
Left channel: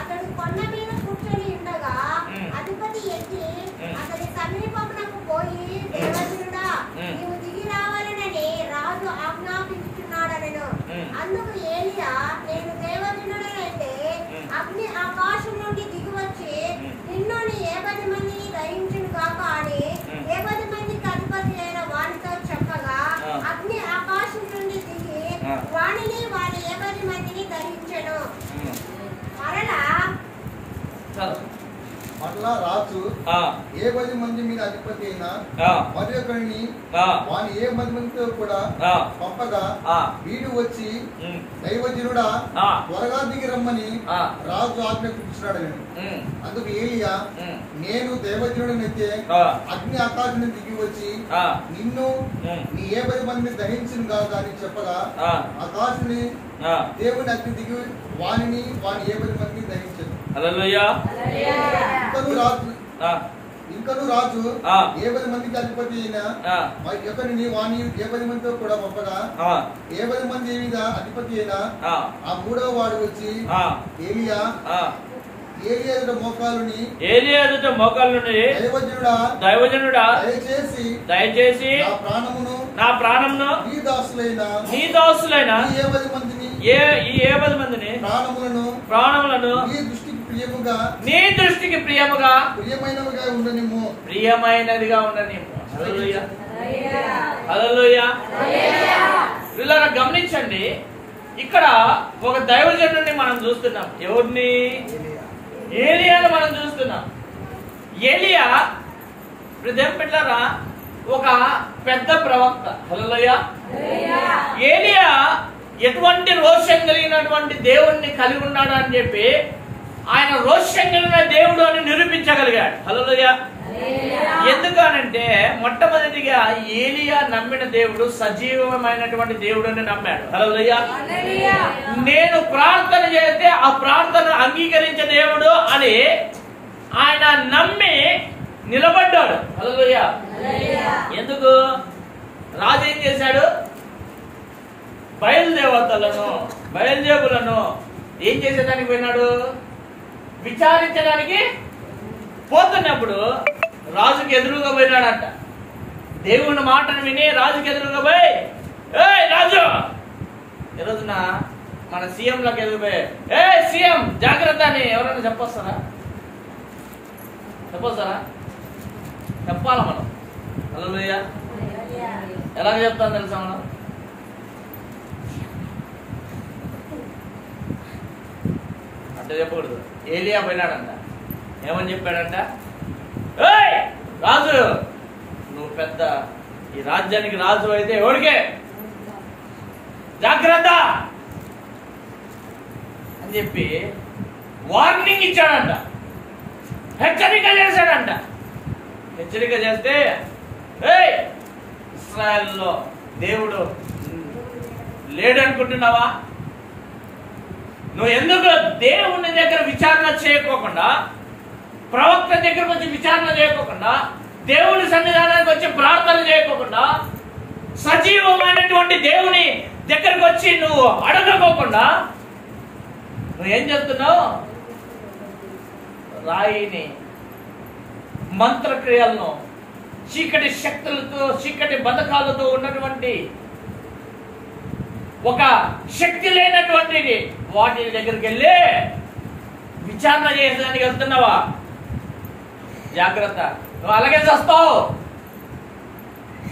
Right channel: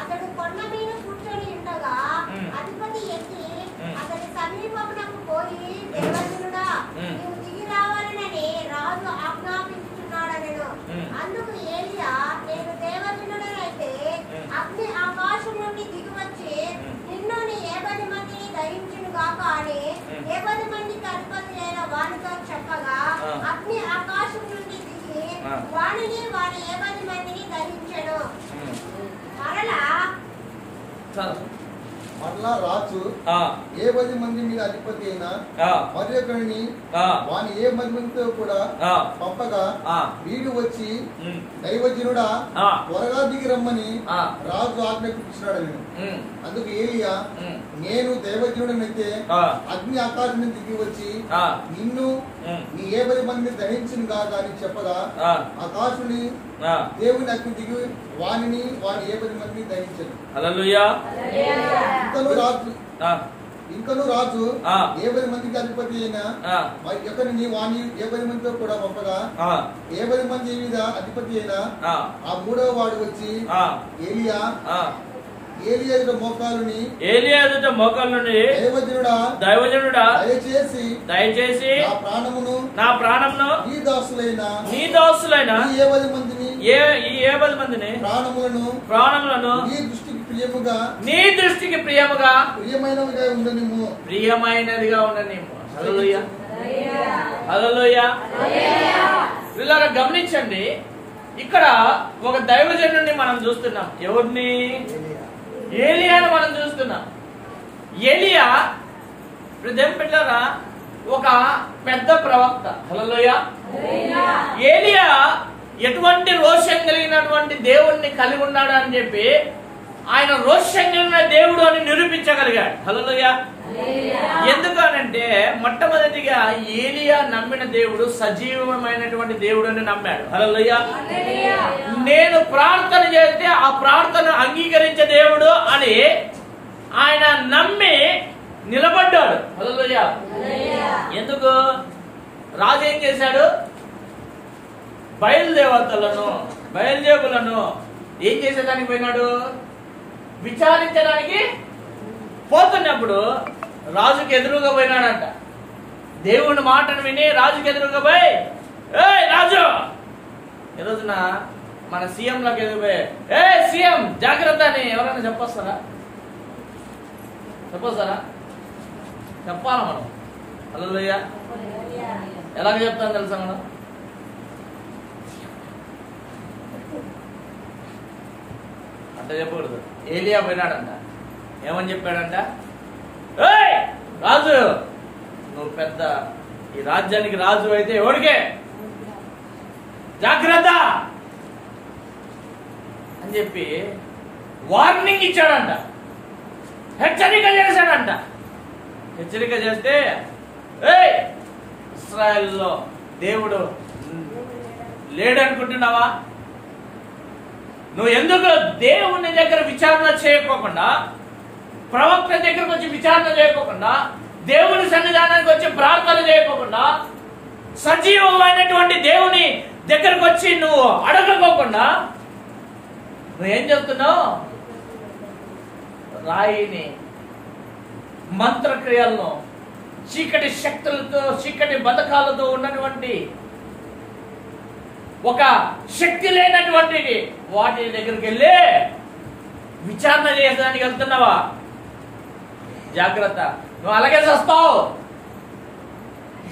అతడు కొండ మీద కూర్చొని ఉండగా అధిపతి ఎత్తి అతని సమీపమునకు పోయి, దేవజనుడా, నీవు దిగి రావాలనని రాజు ఆజ్ఞాపించుచున్నాడనెను. అందుకు ఏలియా, నేను దేవజనుడనైతే అగ్ని ఆకాశం నుండి దిగి వచ్చి నిన్ను నీ 70 మందిని దహించును గాక అని 70 మందికి అధిపతి అయిన వానితో చెప్పగా, అగ్ని ఆకాశం నుండి దిగి వానిని వాని 70 మందిని దహించెను. మరలా రాజు 70 మంది మీద అధిపతి అయిన మరి ఒకరిని వాని 70 మందితో కూడా పంపగా, వీడు వచ్చి, దైవజనుడా, త్వరగా దిగి రమ్మని రాజు ఆజ్ఞాపించినాడు. అందుకు ఏలియా, నేను దైవజనుడనైతే అగ్ని ఆకాశం నుండి దిగి వచ్చి నిన్ను నీ 70 మందిని దహించును గాక అని చెప్పగా, ఆకాశుని దేవుని అగ్ని దిగి వాని 70 మందిని దహించను. హల్లెలూయా. ఇంకను రాజు 70 మందికి అధిపతి అయిన మరి ఒకరిని వాని 70 మందితో కూడా పంపగా, 70 మంది మీద అధిపతి అయిన ఆ 3వ వాడు వచ్చి, ఏలియా ఎదుట మోకాలుని దైవజనుడా, దయచేసి నా ప్రాణమును నీ దాసులైన ఈ 70 మందిని ప్రాణములను నీ దృష్టికి ప్రియముగా ప్రియమైనదిగా ఉండనిమ్ము. హల్లెలూయా. హల్లెలూయా. వీళ్ళని గమనించండి. ఇక్కడ ఒక దైవజనుడిని మనం చూస్తున్నాం. ఎవరిని? ఏలియాను మనం చూస్తున్నాం. ఏలియా పెట్టారా ఒక పెద్ద ప్రవక్త. హల్లెలూయా. ఏలియా ఎటువంటి రోషం కలిగినటువంటి దేవుణ్ణి కలిగి ఉన్నాడు అని చెప్పి ఆయన రోషం కలిగిన దేవుడు అని నిరూపించగలిగాడు. హల్లెలూయా. ఎందుకనంటే మొట్టమొదటిగా ఏలియా నమ్మిన దేవుడు సజీవమైనటువంటి దేవుడు అని నమ్మాడు. హల్లెలూయా. నేను ప్రార్థన చేస్తే ఆ ప్రార్థన అంగీకరించే దేవుడు అని ఆయన నమ్మి నిలబడ్డాడు. హల్లెలూయా. ఎందుకు? రాజు ఏం చేశాడు? బయల్దేవులను ఏం చేసేదానికి పోయినాడు? విచారించడానికి పోతున్నప్పుడు రాజుకి ఎదురుగా పోయినాడంట. దేవుని మాటను విని రాజుకి ఎదురుగా పోయి, ఏ రాజు, ఈరోజున మన సీఎంలకు ఎదురుపోయి, ఏ సీఎం జాగ్రత్త అని ఎవరైనా చెప్పొస్తారా? చెప్పాలా మనం? హల్లెలూయా. ఎలా చెప్తాం తెలుసా మనం? అంటే చెప్పకూడదు. ఏలియా పోయినాడంట. ఏమని చెప్పాడంట? ఏయ్ రాజు, నువ్వు పెద్ద ఈ రాజ్యానికి రాజు అయితే ఎవడికే జాగ్రత్త అని చెప్పి వార్నింగ్ ఇచ్చాడంట, హెచ్చరిక చేశాడంట. హెచ్చరిక చేస్తే ఏయ్ ఇశ్రాయేల్లో దేవుడు లేడనుకుంటున్నావా? నువ్వు ఎందుకు దేవుని దగ్గర విచారణ చేయకోకుండా, ప్రవక్త దగ్గరకు వచ్చి విచారణ చేయకోకుండా, దేవుని సన్నిధానానికి వచ్చి ప్రార్థన చేయకోకుండా, సజీవమైనటువంటి దేవుని దగ్గరకు వచ్చి నువ్వు అడగకోకుండా నువ్వేం చెప్తున్నావు? రాయిని, మంత్రక్రియలను, చీకటి శక్తులతో, చీకటి బతకాలతో ఉన్నటువంటి ఒక శక్తి లేనటువంటి వాటి దగ్గరికి వెళ్ళి విచారణ చేయడానికి వెళ్తున్నావా? జాగ్రత్త, నువ్వు అలాగే చేస్తావు,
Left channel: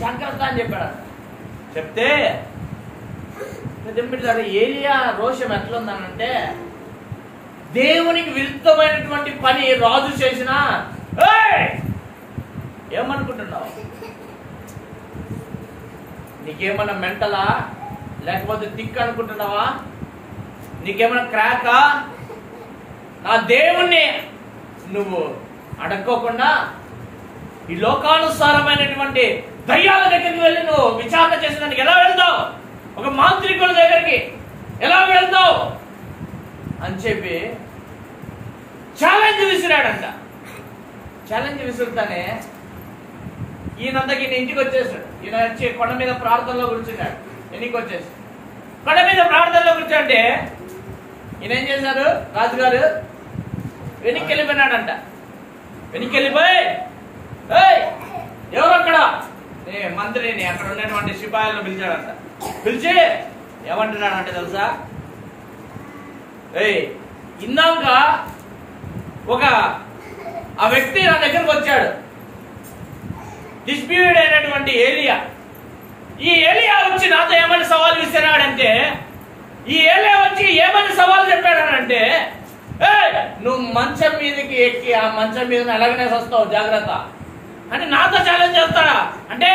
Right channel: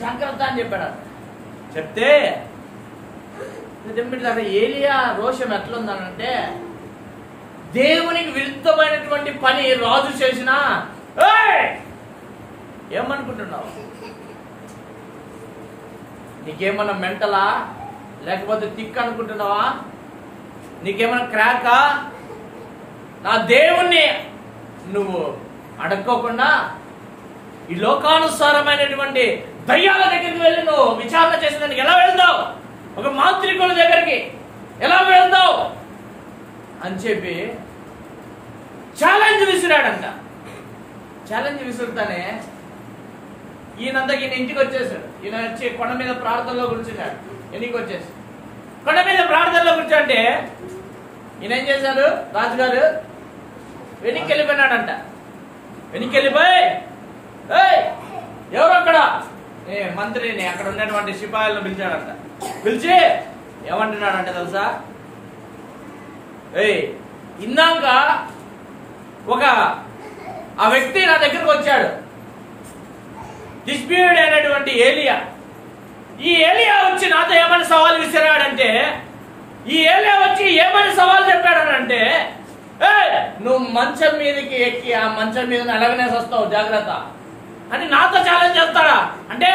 జాగ్రత్త అని చెప్పాడు. చెప్తే ఏలియా రోషం ఎట్లుందనంటే, దేవునికి విరుద్ధమైనటువంటి పని రాజు చేసినా ఏమనుకుంటున్నావు? నీకేమన్నా మెంటలా, లేకపోతే తిక్ అనుకుంటున్నావా? నీకేమన్నా క్రాకా? నా దేవుణ్ణి నువ్వు అడక్కోకుండా ఈ లోకానుసారమైనటువంటి దయ్యాల దగ్గరికి వెళ్ళి నువ్వు విచారణ చేసేదానికి ఎలా వెళ్తావు? ఒక మాంత్రికుల దగ్గరికి ఎలా వెళ్తావు అని చెప్పి ఛాలెంజ్ విసిరాడంట. ఛాలెంజ్ విసురుతానే ఈయనంతకి ఇంటికి వచ్చేసాడు. ఈయన వచ్చి కొండ మీద ప్రార్థనలో కూర్చున్నాడు. ఎన్నికి వచ్చేసి కొండ మీద ప్రార్థనలో కూర్చోంటే ఈయన ఏం చేశారు? రాజుగారు వెనక్కి వెళ్ళిపోయినాడంట. వెనక్కి వెళ్ళిపోయి ఎవరు అక్కడ మంత్రిని, అక్కడ ఉన్నటువంటి సిపాయిలను పిలిచాడంట. పిలిచి ఏమంటున్నాడంటే తెలుసా? ఇందాక ఒక ఆ వ్యక్తి నా దగ్గరకు వచ్చాడు, డిస్ప్యూటెడ్ అయినటువంటి ఏలియా. ఈ ఏలియా వచ్చి నాతో ఏమని సవాల్ విసిరాడంటే, ఈ ఏలియా వచ్చి ఏమని సవాల్ చెప్పాడనంటే, నువ్వు మంచం మీదకి ఎక్కి ఆ మంచం మీద అలాగనే వస్తావు, జాగ్రత్త అని నాతో ఛాలెంజ్ చేస్తాడా? అంటే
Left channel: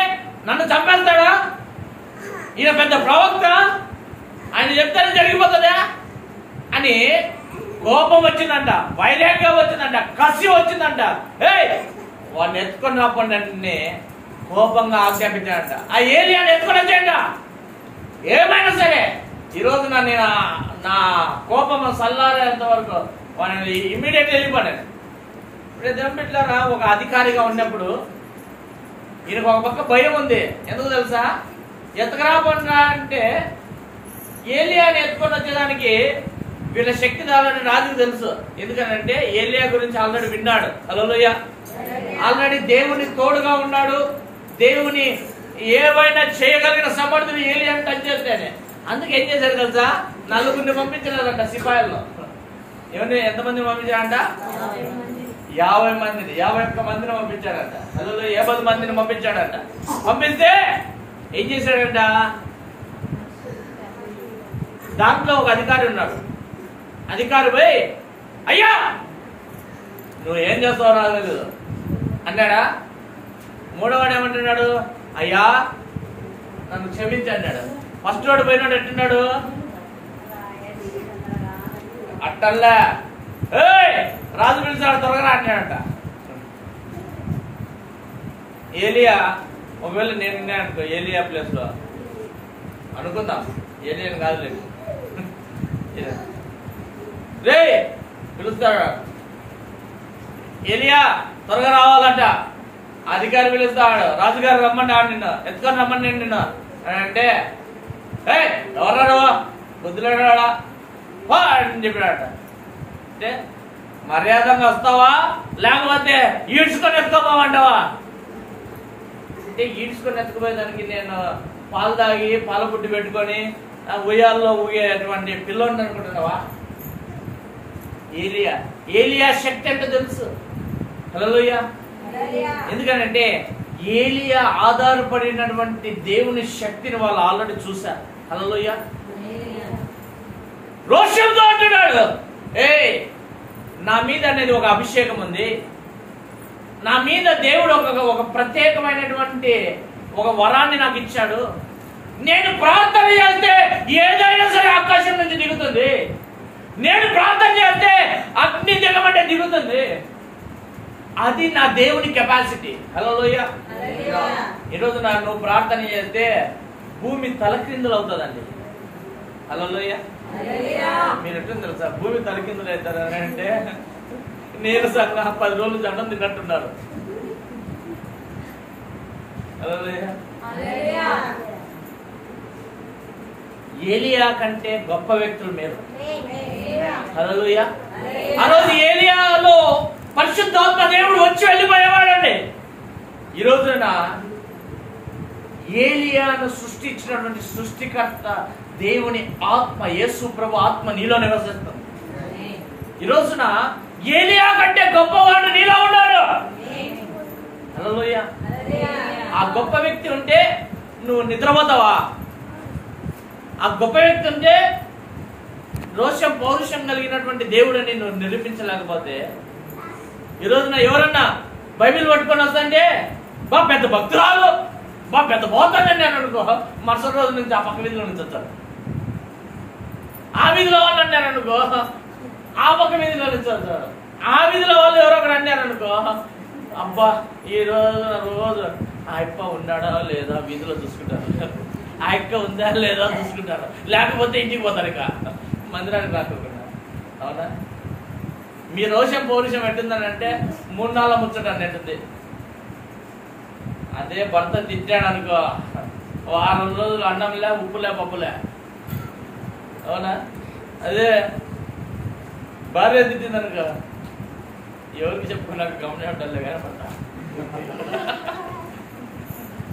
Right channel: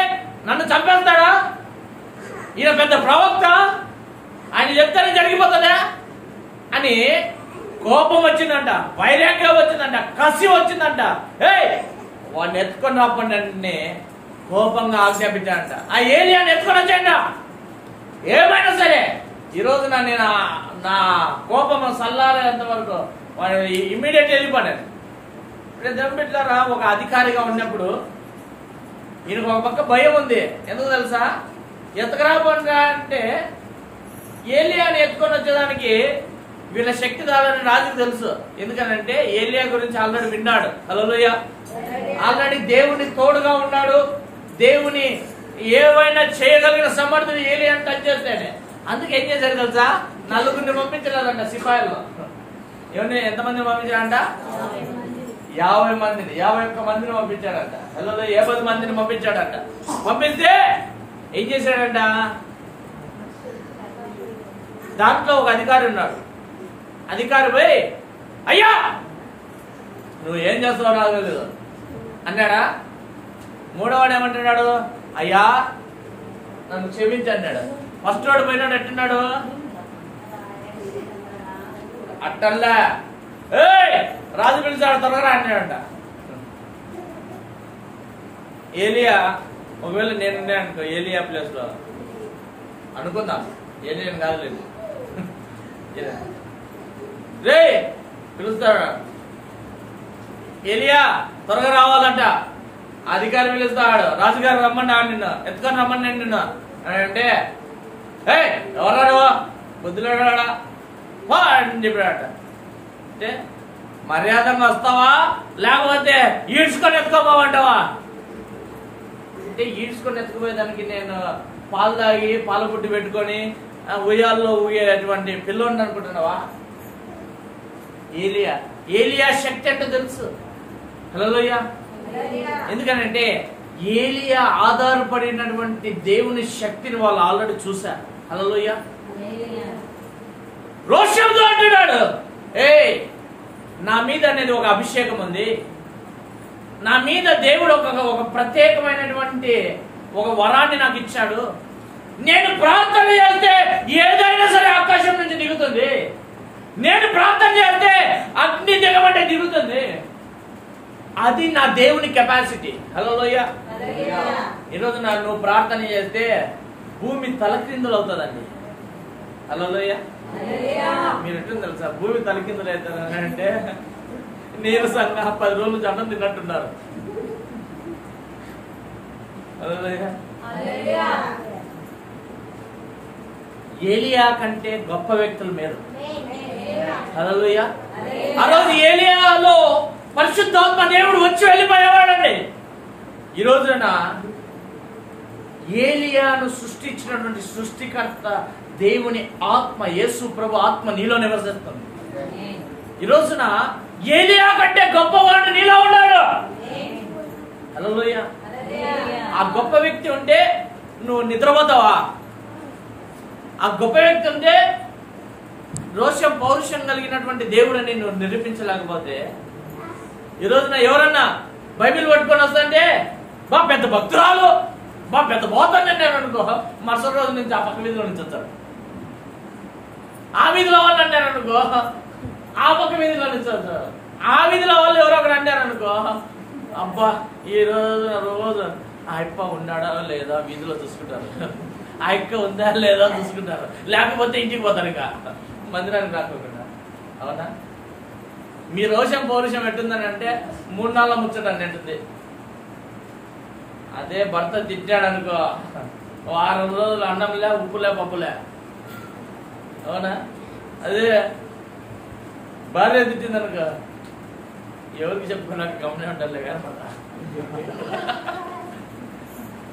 నన్ను చంపేస్తాడా? ఈయన పెద్ద ప్రవక్త, ఆయన చెప్తానే జరిగిపోతుందా అని కోపం వచ్చిందంట, వైరాగ్యం వచ్చిందంట, కసి వచ్చిందంట. వాడిని ఎత్తుకొని రాకుండా కోపంగా ఆజ్ఞాపించాడంట. ఆ ఏలియాని ఎత్తుకొని వచ్చాయంట. ఏమైనా సరే ఈ రోజు నేను నా కోపం చల్లారేంత వరకు వాడిని ఇమ్మీడియట్లీ వెళ్ళిపోయాను. ఇప్పుడు దెబ్బట్లారా ఒక అధికారిగా ఉన్నప్పుడు ఈయనకు ఒక పక్క భయం ఉంది. ఎందుకు తెలుసా? ఎత్తకరాబోరా అంటే ఏలియాని ఎత్తుకొని వచ్చేదానికి వీళ్ళ శక్తి దాలని రాజుకు తెలుసు. ఎందుకనంటే ఏలియా గురించి ఆల్రెడీ విన్నాడు. హల్లెలూయా. ఆల్రెడీ దేవుని తోడుగా ఉన్నాడు. దేవుని ఏవైనా చేయగలిగిన సమర్థుడు ఏలియాని టచ్ చేస్తేనే. అందుకే ఏం చేశారు తెలుసా? 4 పంపించలేదంట సిపాయిల్లో. ఏమన్నా ఎంతమంది పంపించారంట? 50 మందిని, 51 మందిని పంపించాడంట. హలో 50 మందిని పంపించాడంట. పంపిస్తే ఏం చేశాడంట? దాంట్లో ఒక అధికారి ఉన్నాడు. అధికారి పోయి, అయ్యా నువ్వు ఏం చేస్తావు నాకు తెలియదు అన్నాడా. మూడోవాడు ఏమంటున్నాడు? అయ్యా నన్ను క్షమించి అన్నాడు. ఫస్ట్ వాడు పోయినాడు ఎట్టున్నాడు? అట్టల్లా రాజు పిలిచాడు, త్వరగా అన్నాడంట. ఏలియా ఒకవేళ నేను అనుకో, ఏలియా ప్లేస్ లో అనుకుందాం, ఏలియన్ కాదు లేదు, రే పిలుస్తాడు. ఏలియా త్వరగా రావాలంట. అధికారి పిలుస్తాడు. రాజుగారు రమ్మని నిన్ను ఎత్తుకొని రమ్మని నిన్ను అంటే, ఎవరా బుద్ధులాడా అని చెప్పాడట. అంటే మర్యాదగా వస్తావా లేకపోతే ఈడ్చుకొని ఎత్తుకోపోమంటావా అంటే, ఈడ్చుకొని ఎత్తుకుపోయేదానికి నేను పాలు తాగి పాల పుట్టి పెట్టుకొని ఉయ్యాల్లో ఊగేటువంటి పిల్లోడిని అనుకుంటున్నావా? ఏలియా శక్తి అంటే తెలుసు. హల్లెలూయా. ఎందుకంటే ఏలియా ఆధారపడినటువంటి దేవుని శక్తిని వాళ్ళు ఆల్రెడీ చూశారు. హల్లెలూయా. రోషంతో అంటున్నాడు, నా మీద అనేది ఒక అభిషేకం ఉంది, నా మీద దేవుడు ఒక ప్రత్యేకమైనటువంటి ఒక వరాన్ని నాకు ఇచ్చాడు, నేను ప్రార్థన చేస్తే ఏదైనా సరే ఆకాశం నుంచి దిగుతుంది, నేను ప్రార్థన చేస్తే అగ్ని దిగమంటే దిగుతుంది, అది నా దేవుని కెపాసిటీ. హల్లెలూయా. ఈరోజు నువ్వు ప్రార్థన చేస్తే భూమి తలక్రిందులు అవుతుందండి. హల్లెలూయా. మీరు ఎట్లా తెలుసా భూమి తలకిందులు అవుతారు అంటే నీరసంగా 10 రోజులు జండం తిన్నట్టున్నారు. హల్లెలూయా. ఏలియా కంటే గొప్ప వ్యక్తుల మీద. హల్లెలూయా. ఆ రోజు ఏలియాలో పరిశుద్ధాత్మ దేవుడు వచ్చి వెళ్ళిపోయేవాడండి. ఈ రోజున ఏలియాను సృష్టించినటువంటి సృష్టికర్త దేవుని ఆత్మ, యేసు ప్రభు ఆత్మ నీలో నివసిస్తుంది. ఈ రోజున ఏలియా కంటే గొప్పవాడు నీలో ఉన్నాడు. హల్లెలూయా. ఆ గొప్ప వ్యక్తి ఉంటే నువ్వు నిద్రపోతావా? ఆ గొప్ప వ్యక్తి ఉంటే రోషం పౌరుషం కలిగినటువంటి దేవుడిని నువ్వు నిరూపించలేకపోతే, ఈ రోజున ఎవరన్నా బైబిల్ పట్టుకొని వస్తుంటే బా పెద్ద భక్తురాలు, బా పెద్ద పోతాను నేను అనుకో, మరుసటి రోజు నుంచి ఆ పక్క వీధిలో నుంచి వచ్చారు. ఆ వీధిలో వాళ్ళు అన్నారు అనుకో, ఆ పక్క వీధిలో నుంచి వచ్చారు. ఆ వీధిలో వాళ్ళు ఎవరో ఒకరు అన్నారు అనుకో, అబ్బా ఈ రోజు ఆ అప్ప ఉన్నాడా లేదా వీధిలో చూసుకుంటారు, ఆ అక్క ఉందా లేదా చూసుకుంటారు, లేకపోతే ఇంటికి పోతారు, ఇక మందిరానికి రాకుండా. అవునా? మీ రోషం పౌరుషం ఎట్టుందని అంటే 3 నాళ్ళ ముచ్చట నెట్టుంది. అదే భర్త తిట్టాడు అనుకో, 6 రోజులు అన్నంలే, ఉప్పులే, పప్పులే. అవునా? అదే భార్య తిట్టింది అనుకో, ఎవరికి చెప్పుకున్నాక గమనే ఉండాలి కానీ పట్ట,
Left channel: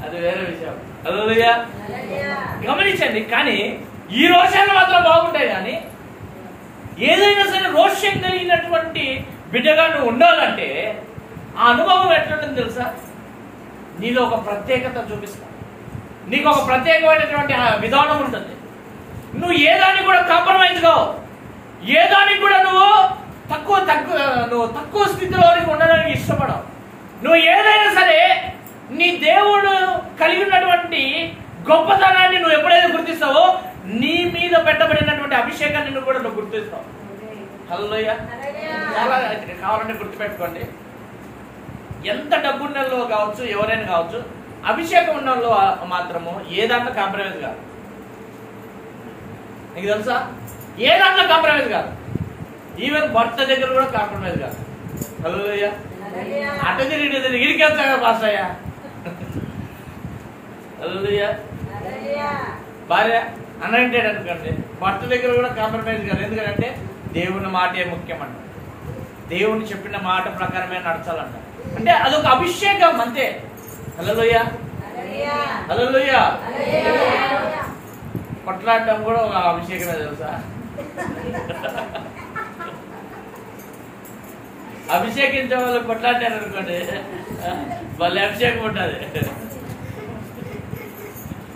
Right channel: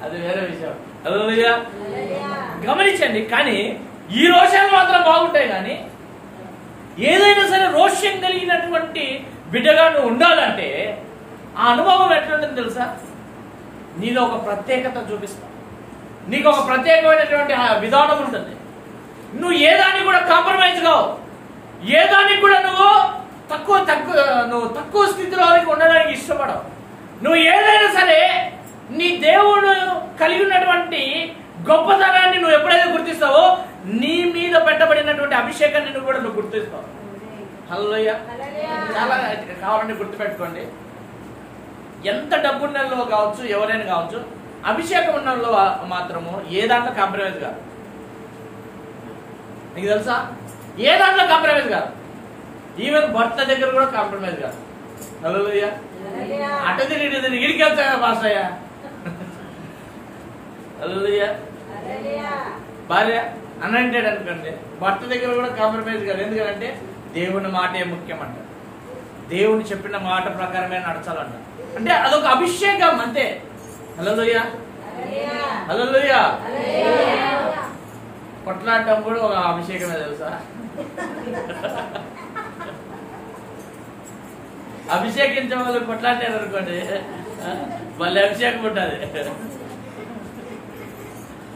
అది వేరే విషయం. హల్లెలూయా. గమనించండి. కానీ ఈ రోషాలు మాత్రం బాగుంటాయి. కానీ ఏదైనా సరే రోషం కలిగినటువంటి బిడ్డగా నువ్వు ఉండాలంటే ఆ అనుభవం ఎట్లుంటుంది తెలుసా? నీలో ఒక ప్రత్యేకత చూపిస్తావు, నీకు ఒక ప్రత్యేకమైనటువంటి విధానం ఉంటుంది. నువ్వు ఏదాన్ని కూడా కాంప్రమైజ్ కావు, ఏదానికి కూడా నువ్వు తక్కువ స్థితిలోనికి ఉండడానికి ఇష్టపడవు. నువ్వు ఏదైనా సరే నీ దేవుడు కలిగి ఉన్నటువంటి గొప్పతనాన్ని నువ్వు ఎప్పుడైతే గుర్తిస్తావో, నీ మీద పెట్టబడినటువంటి అభిషేకాన్ని నువ్వు కూడా నువ్వు గుర్తిస్తావు. హల్లెలూయా. చాలా కావాలంటే గుర్తుపెట్టుకోండి, ఎంత డబ్బున్న వాళ్ళు కావచ్చు, ఎవరైనా కావచ్చు, అభిషేకం ఉన్న వాళ్ళు మాత్రము ఏ దాంట్లో కాంప్రమైజ్ కాదు. నీకు తెలుసా? ఏ దాంట్లో కాంప్రమైజ్ కాదు. ఈవెన్ భర్త దగ్గర కూడా కాంప్రమైజ్ కాదు. హల్లెలూయా. అటు తిరిగి ఇడికి వెళ్తా కదా పాస్టర్ అయ్యా. హల్లెలూయా. భార్య అనంటాడు అనుకోండి, భర్త దగ్గర కూడా కాంప్రమైజ్ కాదు. ఎందుకంటే దేవుని మాటే ముఖ్యమంట, దేవుని చెప్పిన మాట ప్రకారమే నడచాలంట. అంటే అదొక అభిషేకం అంతే. హల్లెలూయా. హల్లెలూయా. కొట్లాడటం కూడా ఒక అభిషేకమే తెలుసా? అభిషేకించే వాళ్ళు కొట్లాడారు అనుకోండి, వాళ్ళ అభిషేకం ఉంటుంది.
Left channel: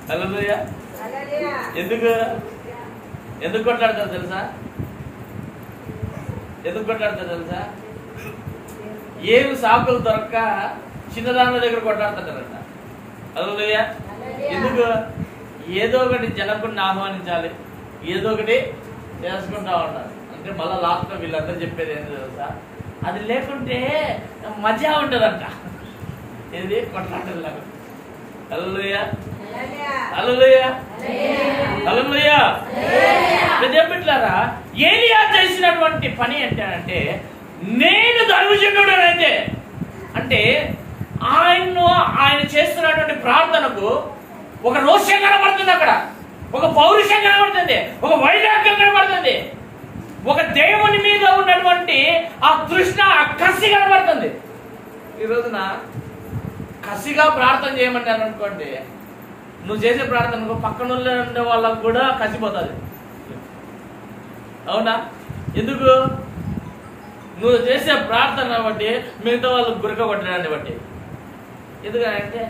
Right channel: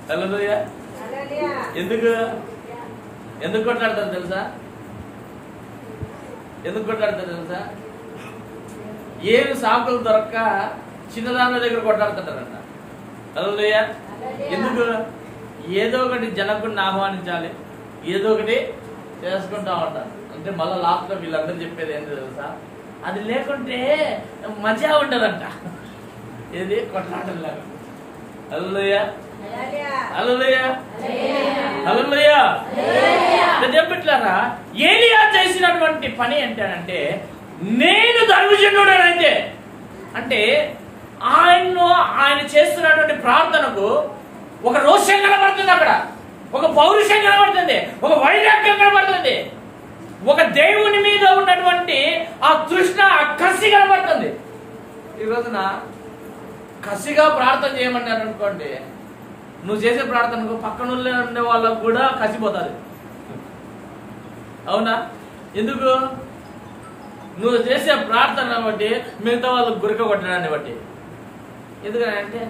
హల్లెలూయా. ఎందుకు కొట్లాడతారు తెలుసా? ఎందుకు కొట్లాడతారు తెలుసా? ఏమి సాకులు దొరక్క చిన్నదాన్న దగ్గర కొట్లాడుతుంటారంట. హల్లెలూయా. ఎందుకు? ఏదో ఒకటి జనకుడిని ఆహ్వానించాలి, ఏదో ఒకటి చేసుకుంటా ఉంటారు. అంటే మళ్ళా లాస్ట్ లో వీళ్ళందరూ చెప్పేది ఏంటో తెలుసా? అది లేకుంటే మజా ఉండదంట. ఇది కొట్లాటలాగా. హల్లెలూయా. హల్లెలూయా. హల్లెలూయా. చెప్పిట్లారా, ఏలియా చేసినటువంటి పని ఏంటంటే, నేను దైవజనుడనైతే అంటే ఆయన చేస్తున్నటువంటి ప్రార్థనకు ఒక రోషం కనబడుతుంది, అక్కడ ఒక పౌరుషం కనబడుతుంది, ఒక వైరాగ్యం కనబడుతుంది, ఒక దేవుని మీద ఉన్నటువంటి ఆ తృష్ణ, ఆ కసి కనబడుతుంది. ఈ రోజున కసిగా ప్రార్థన చేయమన్నారు అనుకోండి, నువ్వు చేసే ప్రార్థనకు పక్కన ఉండే వాళ్ళకు కూడా కసిపోతుంది. అవునా? ఎందుకు? నువ్వు చేసే ప్రార్థన బట్టి మిగతా వాళ్ళకు గురక కొట్టడాన్ని బట్టి. ఎందుకంటే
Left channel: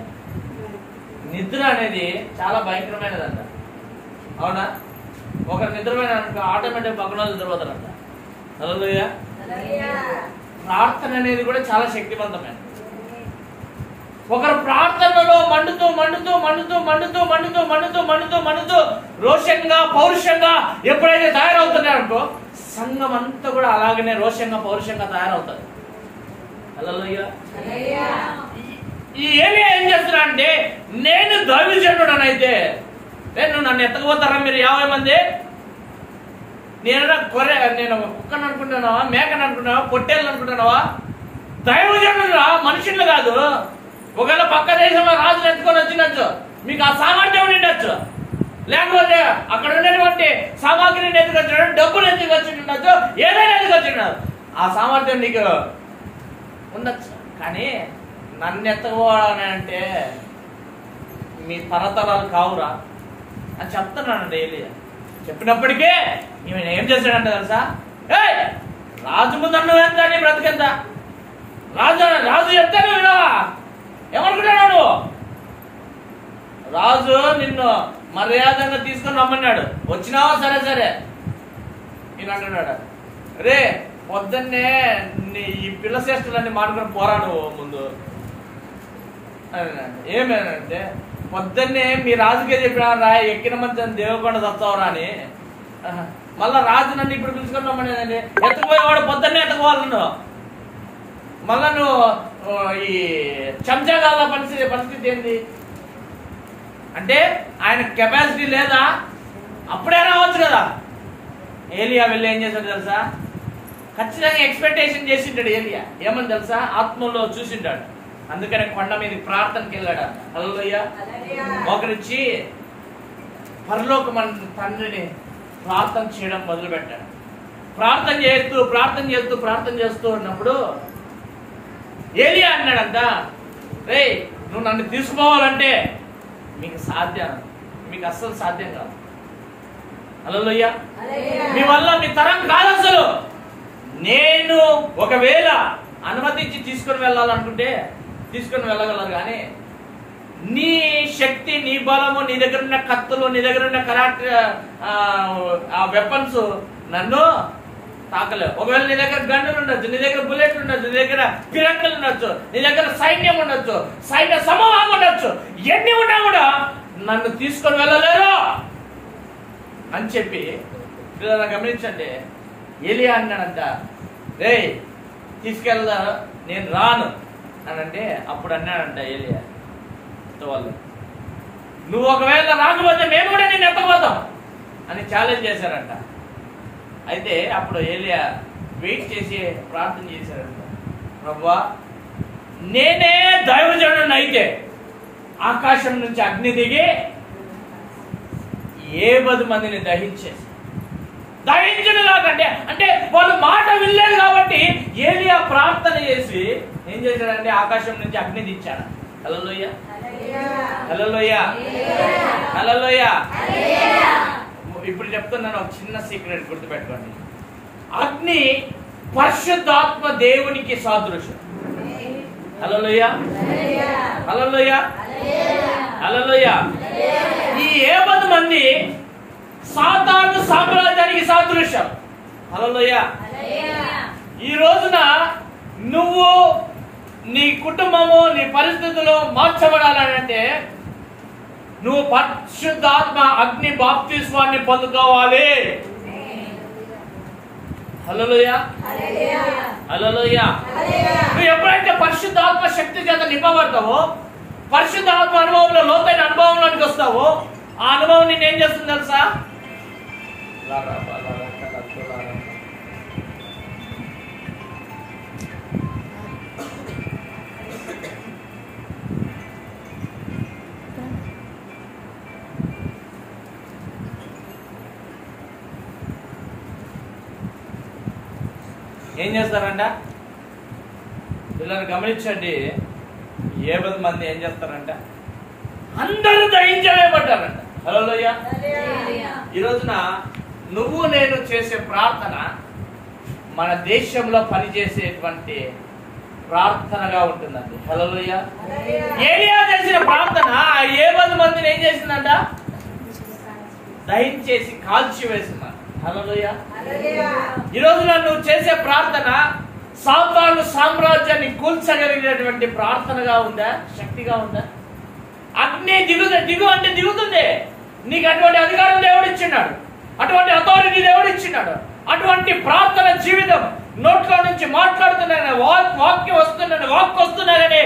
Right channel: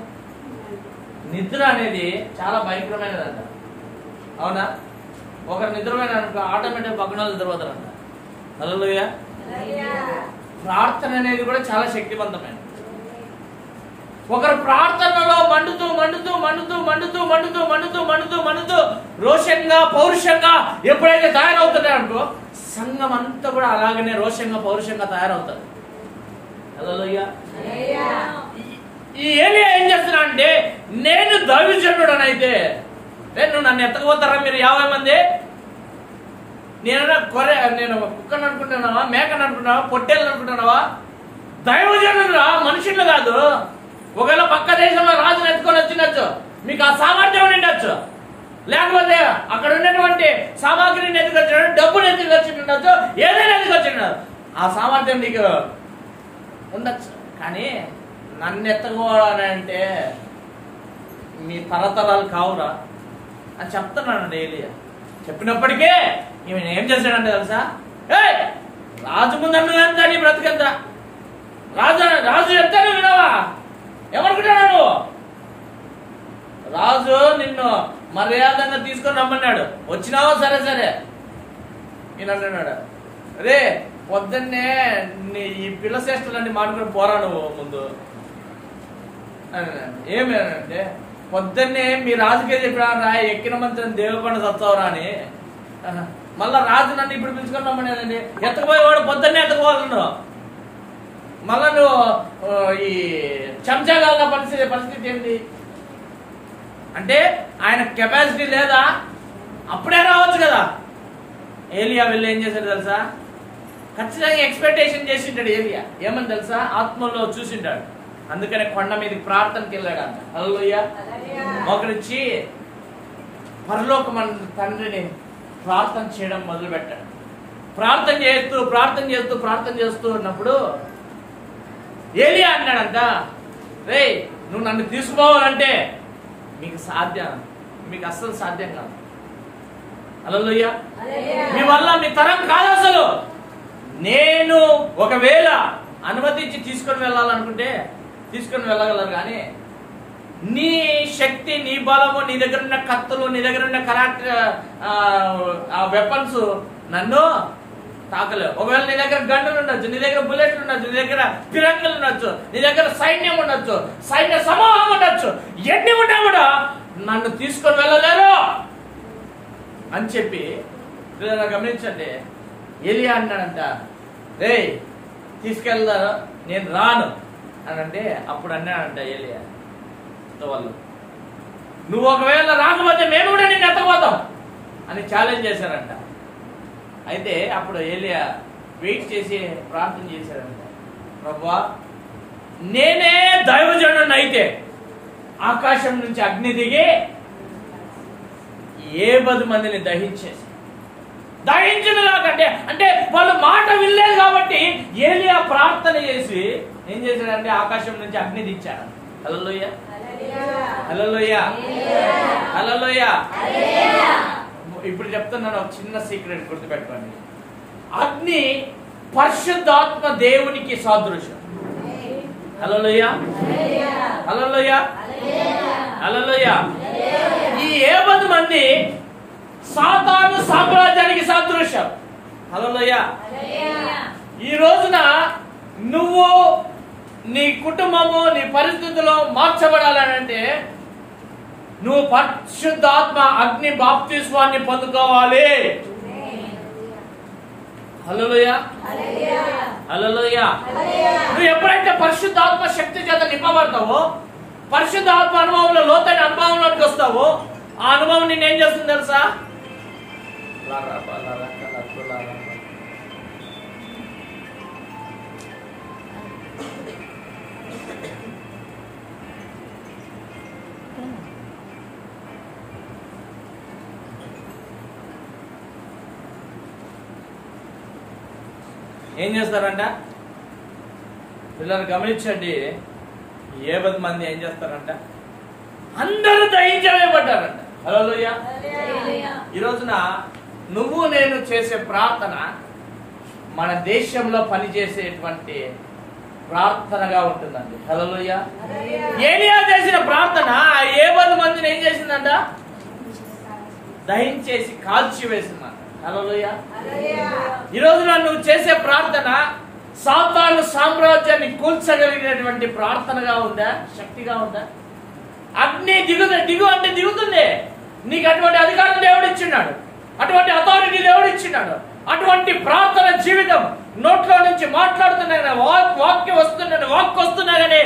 నిద్ర అనేది చాలా భయంకరమైనదంట. అవునా? ఒకరు నిద్రమైన ఆటోమేటిక్ పక్కన నిద్రపోతారంట. హల్లెలూయా. ప్రార్థన అనేది కూడా చాలా శక్తివంతమైనది. ఒకరు ప్రార్థనలో మండుతూ మండుతూ మండుతూ మండుతూ మండుతూ మండుతూ మండుతూ మండుతూ రోషంగా పౌరుషంగా ఎప్పుడైతే తయారవుతున్నారనుకో సంఘం అంతా కూడా అలాగనే రోషంగా పౌరుషంగా తయారవుతారు. హల్లెలూయా. ఈ ఏలియా ఏం చేస్తున్నా అంటే, నేను దైవజనుడనైతే నువ్వు నన్ను ఎత్తకపోతారా మీరు 50 మంది? నేను కుక్కని అనుకుంటున్నావా, మేకని అనుకుంటున్నావా, పొట్టేళ్ళని అనుకుంటున్నావా? దైవజనుడు మనుషులు కాదు. ఒకవేళ పక్క దేశంలో రాజులు ఎత్తుకొని వచ్చిండొచ్చు, మీకు ఆ సామర్థ్యం ఉండొచ్చు, లేకపోతే అక్కడ ఉన్నటువంటి సామాగ్రిని ఎత్తుకొచ్చినాడు, డబ్బులు ఎత్తుకొచ్చి ఉండొచ్చు, ఏదైనా ఎత్తుకొచ్చినాడు, ఆ సామర్థ్యం నీకు ఉండొచ్చు. కానీ నన్ను ఎత్తకపోవాలని అంటే మీ తరతరాలు కావురా అని చెప్తున్నానండి ఏలియా. చెప్పినప్పటికే ఈమె ఏం చేశాడంటే తెలుసా, రాజు ముందు నువ్వెంత, నీ బ్రతికెంత, రాజు చెప్తాను వినవా? ఏమనుకుంటాడు నువ్వు? రాజు నిన్ను మర్యాదగా తీసుకొని రమ్మన్నాడు, వచ్చినావో సరే సరే. నేను అంటున్నాడు, రే పొద్దున్నే ఈ పిల్ల శ్రేష్ఠులన్నీ మాట్లాడుకుని పోరా నువ్వు ముందు. ఏమేనంటే పొద్దున్నే మీ రాజుకే చెప్పినా రా, ఎక్కిన మంచి దేవకొండ చస్తావురా అని. మళ్ళా రాజు నన్ను ఇప్పుడు పిలుచుకొని రమ్మనేదండి. ఎత్తకపోయేవాడు పొద్దున్నే ఎత్తకోవాలి నువ్వు. మళ్ళా నువ్వు ఈ చెంచాగాల పరిస్థితి ఏంటి అంటే, ఆయన కెపాసిటీ లేదా? అప్పుడే రావచ్చు కదా. ఏలియా వెళ్ళి ఏం చేశాడు తెలుసా? ఖచ్చితంగా ఎక్స్పెక్టేషన్ చేసింటాడు ఏలియా. ఏమని తెలుసా? ఆత్మలో చూసింటాడు. అందుకనే కొండ మీదకి ప్రార్థనకి వెళ్ళాడు అంట. హల్లెలూయా. ఒకరిచ్చి పరలోకమందు తండ్రిని ప్రార్థన చేయడం మొదలు పెట్టాడు. ప్రార్థన చేస్తూ ఉన్నప్పుడు ఏలియా అన్నాడంట, రే నువ్వు నన్ను తీసుకోవాలంటే మీకు అస్సలు సాధ్యం కాదు. హల్లెలూయా. మీ వల్ల మీ తరం కాదు అసలు. నేను ఒకవేళ అనుమతించి తీసుకొని వెళ్ళాలనుకుంటే తీసుకొని వెళ్ళగలరు, కానీ నీ శక్తి, నీ బలము, నీ దగ్గర ఉన్న కత్తులు, నీ దగ్గర ఉన్న వెపన్స్ నన్ను తాకలేవు. ఒకవేళ నీ దగ్గర గన్నులు ఉండొచ్చు, నీ దగ్గర బుల్లెట్లు ఉండొచ్చు, నీ దగ్గర పిరంగులు ఉండొచ్చు, నీ దగ్గర సైన్యం ఉండొచ్చు, సైన్య సమూహం ఉండొచ్చు, ఎన్ని ఉన్నా కూడా నన్ను తీసుకొని వెళ్ళలేరు అని చెప్పి గమనించండి. ఏలియా అన్నాడంట, రే తీసుకెళ్తారు, నేను రాను అని అంటే, అప్పుడు అన్నాడంట ఏలియా వాళ్ళు, నువ్వు ఒకవేళ రాకపోతే మేము కూడా నేను ఎత్తకపోతాం అని ఛాలెంజ్ చేశారంట. అయితే అప్పుడు ఏలియా వెయిట్ చేసి ప్రార్థన చేశాడంట, ప్రభువా నేనే దైవజనుడిని అయితే ఆకాశం నుంచి అగ్ని దిగి 70 మందిని దహించిన నాకంటే అంటే వాళ్ళు మాట వినలేదు కాబట్టి ఏలియా ప్రార్థన చేసి ఏం చేశాడంటే ఆకాశం నుంచి అగ్ని దించాడు. హల్లెలూయా. హల్లెలూయా. హల్లెలూయా. ఇప్పుడు చెప్తున్నాను ఒక చిన్న సీక్రెట్ గుర్తుపెట్టుకోండి. అగ్ని పరిశుద్ధాత్మ దేవునికి సాదృశ్యం. హల్లెలూయా. హల్లెలూయా. హల్లెలూయా. ఈ 70 మంది సాతాను సామ్రాజ్యానికి సాదృశ్యం. హల్లెలూయా. ఈ రోజున నువ్వు నీ కుటుంబము నీ పరిస్థితుల్లో మార్చబడాలంటే నువ్వు పరిశుద్ధాత్మ అగ్ని బాప్తిస్మాన్ని పొందుకోవాలి. హల్లెలూయా. హల్లెలూయా. నువ్వు ఎప్పుడైతే పరిశుద్ధాత్మ శక్తి చేత నింపబడతావో, పరిశుద్ధాత్మ అనుభవంలో లోతైన అనుభవంలోకి వస్తావో, ఆ అనుభవం నేను ఏం చేస్తుంది తెలుసా? ఏం చేస్తారంట పిల్లలు గమనించండి. 70 మంది ఏం చేస్తారంట, అందరూ దహించలేబడ్డారంట. హల్లెలూయా. ఈ రోజున నువ్వు నేను చేసే ప్రార్థన మన దేశంలో పనిచేసేటువంటి ప్రార్థనగా ఉంటుందండి. హల్లెలూయా. ఏలియా చేసిన ప్రార్థన ఆ 70 మందిని ఏం చేసిందంట, దహించేసి కాల్చి వేసిందంట. హల్లెలూయా. ఈ రోజున నువ్వు చేసే ప్రార్థన సాతాను సామ్రాజ్యాన్ని కూల్చగలిగినటువంటి ప్రార్థనగా ఉందా, శక్తిగా ఉందా? అగ్ని దిగు అంటే దిగుతుంది. నీకు అటువంటి అధికారం దేవుడు ఇచ్చినాడు, అటువంటి అథారిటీ దేవుడు ఇచ్చినాడు. అటువంటి ప్రార్థన జీవితం నోట్లో నుంచి మాట్లాడుతున్నా, వాక్యం వస్తున్నా కానీ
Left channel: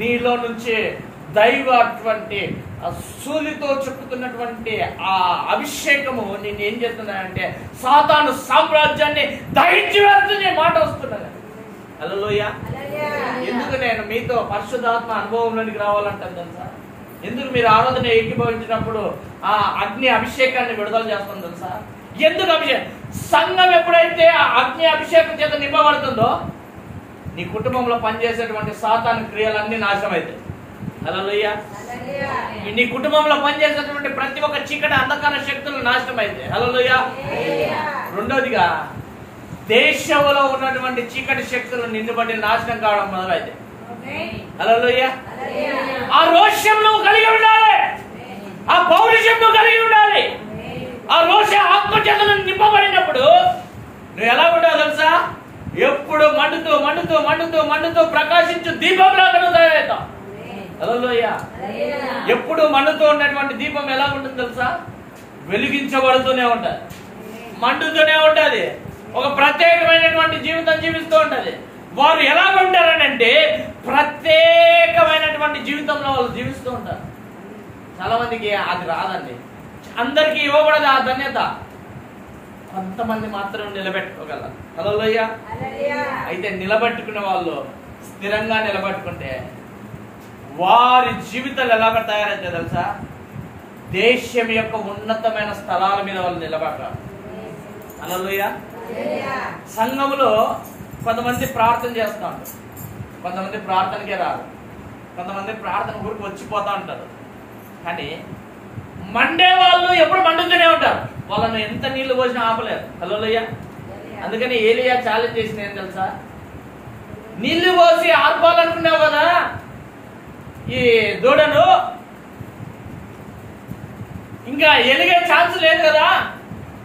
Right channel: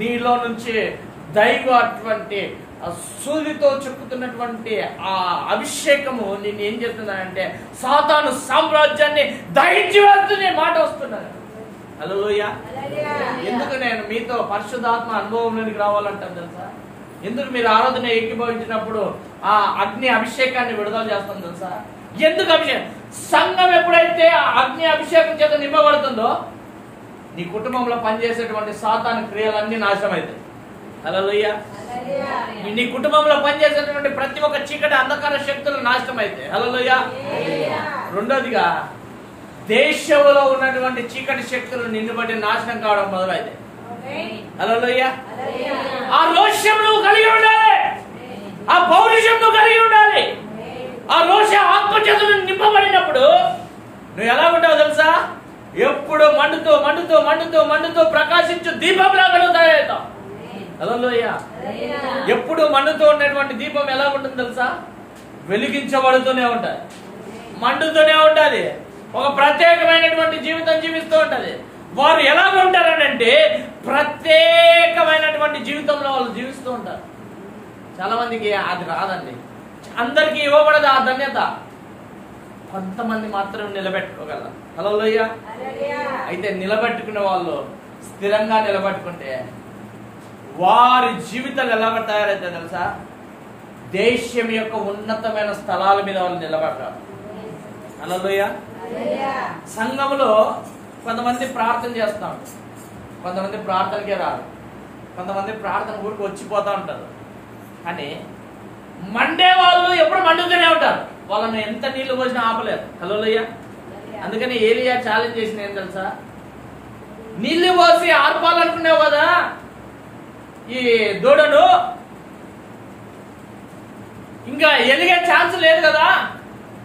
నీలో నుంచి దైవ అటువంటి సూదితో చెప్పుతున్నటువంటి ఆ అభిషేకము నేను ఏం చేస్తున్నానంటే సాతాను సామ్రాజ్యాన్ని దహించి వెళ్తుంది మాట వస్తున్నాను. హల్లెలూయా. ఎందుకు నేను మీతో పరిశుద్ధాత్మ అనుభవంలోనికి రావాలంటాను తెలుసా? ఎందుకు మీరు ఆరాధన ఏకీభవించినప్పుడు ఆ అగ్ని అభిషేకాన్ని విడుదల చేస్తాం తెలుసా? ఎందుకు అభిషేకం? సంఘం ఎప్పుడైతే ఆ అగ్ని అభిషేకం చేత నింపబడుతుందో నీ కుటుంబంలో పనిచేసేటువంటి సాతాను క్రియలన్నీ నాశనం అవుతాయి. హల్లెలూయా. నీ కుటుంబంలో పనిచేసేటువంటి ప్రతి ఒక్క చీకటి అంధకార శక్తులు నాశనం అయితే. హల్లెలూయా. రెండోదిగా దేశంలో ఉన్నటువంటి చీకటి శక్తులు నిన్నుబడి నాశనం కావడం మొదలైతే. హల్లెలూయా. ఆ రోషం నువ్వు కలిగి ఉండాలి, ఆ పౌరుషం నువ్వు కలిగి ఉండాలి. ఆ రోష ఆత్మచేతను నింపబడినప్పుడు నువ్వు ఎలా ఉంటావు తెలుసా? ఎప్పుడు మండుతూ మండుతూ మండుతూ మండుతూ ప్రకాశించు దీపంలాగా నువ్వు తయారవుతావు. హల్లెలూయా. ఎప్పుడు మండుతూ ఉన్నటువంటి దీపం ఎలా ఉంటుంది తెలుసా? వెలిగించబడుతూనే ఉంటది, మండుతూనే ఉంటది, ఒక ప్రత్యేకమైనటువంటి జీవితం జీవిస్తూ ఉంటది. వారు ఎలా ఉంటారనంటే ప్రత్యేకమైనటువంటి జీవితంలో వాళ్ళు జీవిస్తూ ఉంటారు. చాలా మందికి అది రాదండి, అందరికీ ఇవ్వబడదు ఆ ధన్యత, కొంతమంది మాత్రం నిలబెట్టుకోగలరు. హల్లెలూయా. అయితే నిలబెట్టుకునే వాళ్ళు స్థిరంగా నిలబెట్టుకుంటే వారి జీవితాలు ఎలా తయారైతే తెలుసా? దేశం యొక్క ఉన్నతమైన స్థలాల మీద వాళ్ళు నిలబడతారు. హల్లెలూయా. సంఘములో కొంతమంది ప్రార్థన చేస్తాం, కొంతమంది ప్రార్థనకే రారు, కొంతమంది ప్రార్థన గురికి వచ్చిపోతా ఉంటారు. కానీ మండే వాళ్ళు ఎప్పుడు మండుతూనే ఉంటారు, వాళ్ళని ఎంత నీళ్లు పోసినా ఆపలేరు. హల్లెలూయా. అందుకని ఏలియా ఛాలెంజ్ చేసిన ఏం తెలుసా? నీళ్లు పోసి ఆర్పాలనుకున్నావు కదా ఈ దూడను, ఇంకా ఎలిగే ఛాన్స్ లేదు కదా,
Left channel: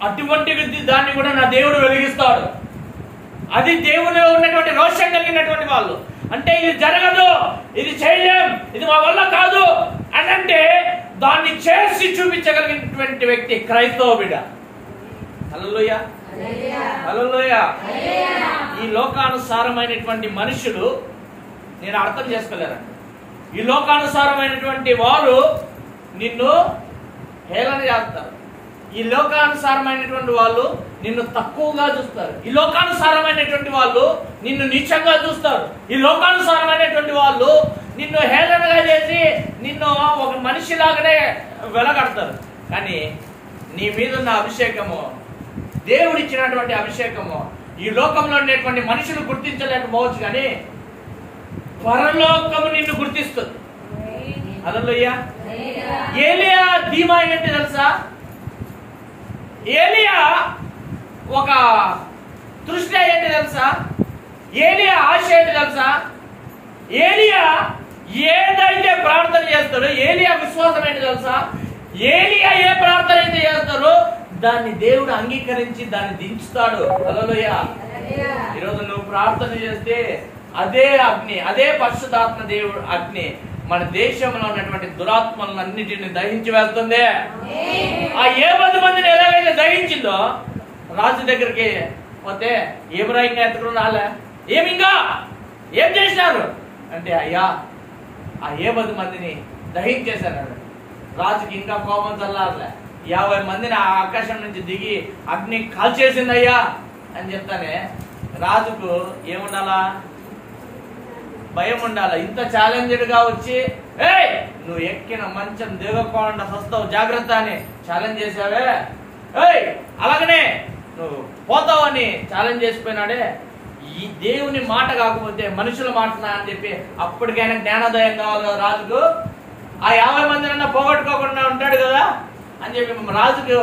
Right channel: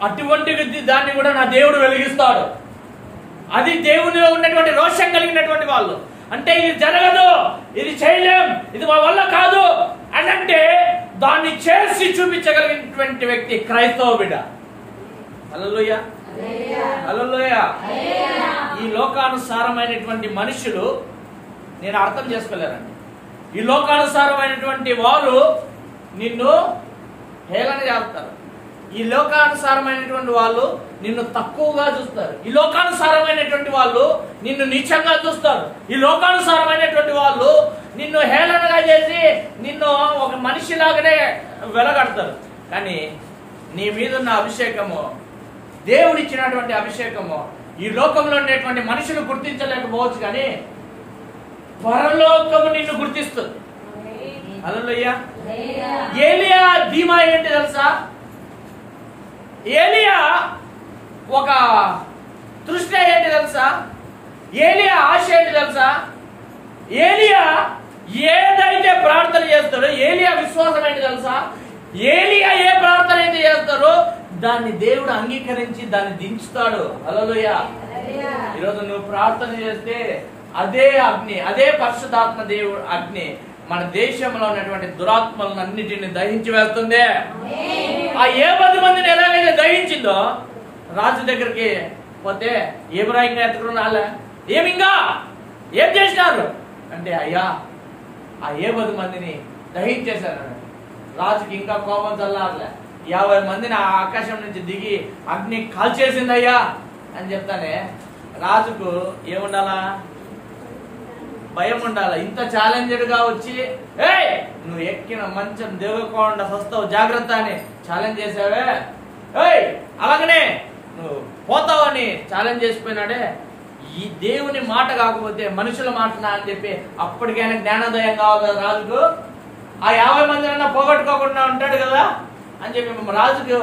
అటువంటి దాన్ని కూడా నా దేవుడు వెలిగిస్తాడు. అది దేవుడు ఉన్నటువంటి రోషం కలిగినటువంటి వాళ్ళు. అంటే ఇది జరగదు, ఇది చేయలేం, ఇది మా వల్ల కాదు అని అంటే దాన్ని చేసి చూపించగలిగినటువంటి వ్యక్తి క్రైస్తవ బిడ్డ. హల్లెలూయా. హల్లెలూయా. ఈ లోకానుసారమైనటువంటి మనుషులు నేను అర్థం చేసుకోలేరండి. ఈ లోకానుసారమైనటువంటి వారు నిన్ను హేళన చేస్తారు, ఈ లోకానుసారమైనటువంటి వాళ్ళు నిన్ను తక్కువగా చూస్తారు, ఈ లోకానుసారమైనటువంటి వాళ్ళు నిన్ను నీచంగా చూస్తారు, ఈ లోకానుసారమైనటువంటి వాళ్ళు నిన్ను హేళనగా చేసి నిన్ను ఒక మనిషిలాగానే వెలగడతారు. కానీ నీ మీద ఉన్న అభిషేకము, దేవుడిచ్చినటువంటి అభిషేకము ఈ లోకంలో ఉండేటువంటి మనుషులు గుర్తించలేకపోవచ్చు, కానీ పరలోకము నిన్ను గుర్తిస్తుంది. హల్లెలూయా. ఏలియా ధీమా ఏంటి తెలుసా? ఏలియా ఒక తృష్ణ ఏంటి తెలుసా? ఏలియా ఆశ ఏంటి తెలుసా? ఏలియా ఏదైతే ప్రార్థన చేస్తాడో, ఏలియా విశ్వాసం ఏంటి తెలుసా? ఏలియా ఏ ప్రార్థన అయితే చేస్తారో దాన్ని దేవుడు అంగీకరించి దాన్ని దించుతాడు. హల్లెలూయా. ఈరోజు నువ్వు ప్రార్థన చేస్తే అదే అగ్ని, అదే పరిశుద్ధాత్మ దేవుడు అగ్ని మన దేశంలో ఉన్నటువంటి దురాత్మలను అన్నిటిని దహించి వెళ్తుంది. ఆ 70 మందిని ఎలాగైతే దహించిందో, రాజు దగ్గరికి పోతే ఏబ్రాహిం ఎత్తుకుని రాలే, ఏమింగా ఏం చేసినారు అంటే, అయ్యా ఆ 70 మందిని దహించేశారు. రాజుకి ఇంకా కోపం చల్లారలే, 50 మందిని ఆ ఆకాశం నుంచి దిగి అగ్ని కాల్చేసింది అయ్యా అని చెప్తానే రాజుకు ఏముండాలా? భయం ఉండాలి. ఇంత ఛాలెంజ్డ్ గా వచ్చి ఏయ్ నువ్వు ఎక్కిన మంచం దిగకుండా వస్తావు జాగ్రత్త అని ఛాలెంజ్ చేశాడే, ఏయ్ అలాగనే నువ్వు పోతావని ఛాలెంజ్ చేసిపోయినాడే. ఈ దేవుని మాట కాకపోతే మనుషుల మాటనా అని చెప్పి అప్పటికైనా జ్ఞానోదయం కావాలి కదా రాజుకు. ఆ 50 మందినన్నా పోగొట్టుకోకుండా ఉంటాడు కదా అని చెప్పి రాజుకు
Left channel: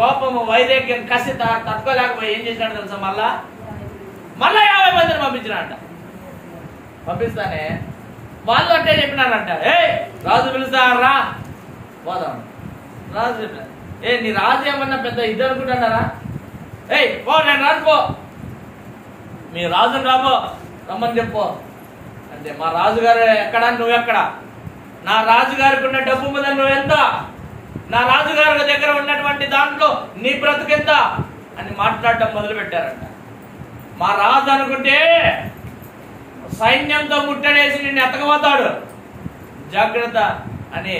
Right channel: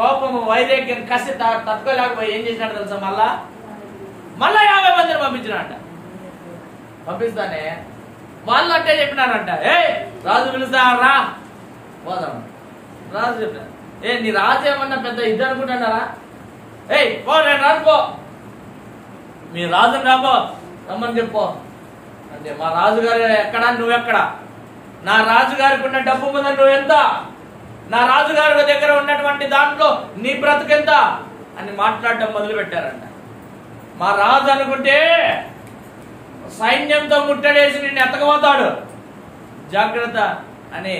కోపము, వైరాగ్యం, కసి తట్టుకోలేకపోయి ఏం చేసినాడు తెలుసా? మళ్ళా 50 మందిని పంపించినాడ. పంపిస్తానే వాళ్ళు అంటే చెప్పినారంట, ఏ రాజు పిలుస్తారా పోదాం. రాజు నీ రాజు ఏమన్నా పెద్ద ఇది అనుకుంటున్నారా? ఏయ్ పో, నేను రాను పో, మీ రాజుని రాబో, రమ్మని చెప్పు అంటే మా రాజుగారు ఎక్కడా, నువ్వెక్కడా? నా రాజుగారికి ఉన్న డబ్బు మీద నువ్వెంత? నా రాజుగారి దగ్గర ఉన్నటువంటి దాంట్లో నీ బ్రతుకెంత అని మాట్లాడటం మొదలు పెట్టారంట. మా రాజు అనుకుంటే సైన్యంతో ముట్టడేసి నిన్ను ఎత్తకపోతాడు, జాగ్రత్త అని.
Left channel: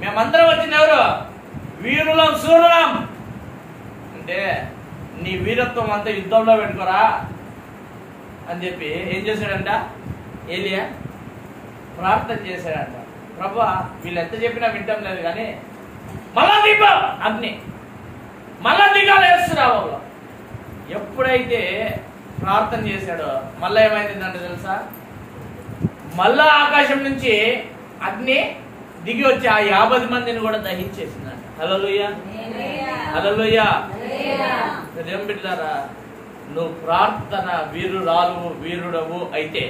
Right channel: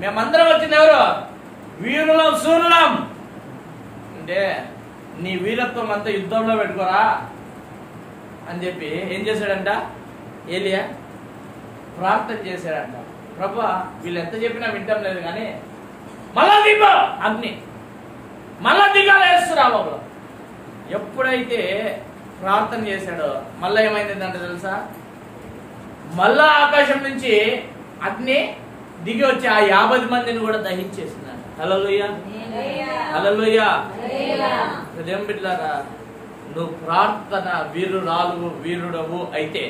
మేమందరం వచ్చింది ఎవరు? వీరులం, సూరులం అంటే నీ వీరత్వం అంతా యుద్ధంలో పెట్టుకోరా అని చెప్పి ఏం చేశాడంట? ఏది ప్రార్థన చేశాడంట. ప్రభువా, వీళ్ళు ఎంత చెప్పినా వింటం లేదు కానీ మళ్ళా దిగ అగ్ని, మళ్ళా దిగాలేస్తున్నావు. ఎప్పుడైతే ప్రార్థన చేశాడో మళ్ళా ఏమైందంటే తెలుసా? మళ్ళా ఆకాశం నుంచి అగ్ని దిగి వచ్చి ఆ 50 మందిని కూడా దహించేసిందంట. హల్లెలూయా, హల్లెలూయా. హృదయం బిడ్డలారా, నువ్వు ప్రార్థన వీరురాలు, వీరుడవు అయితే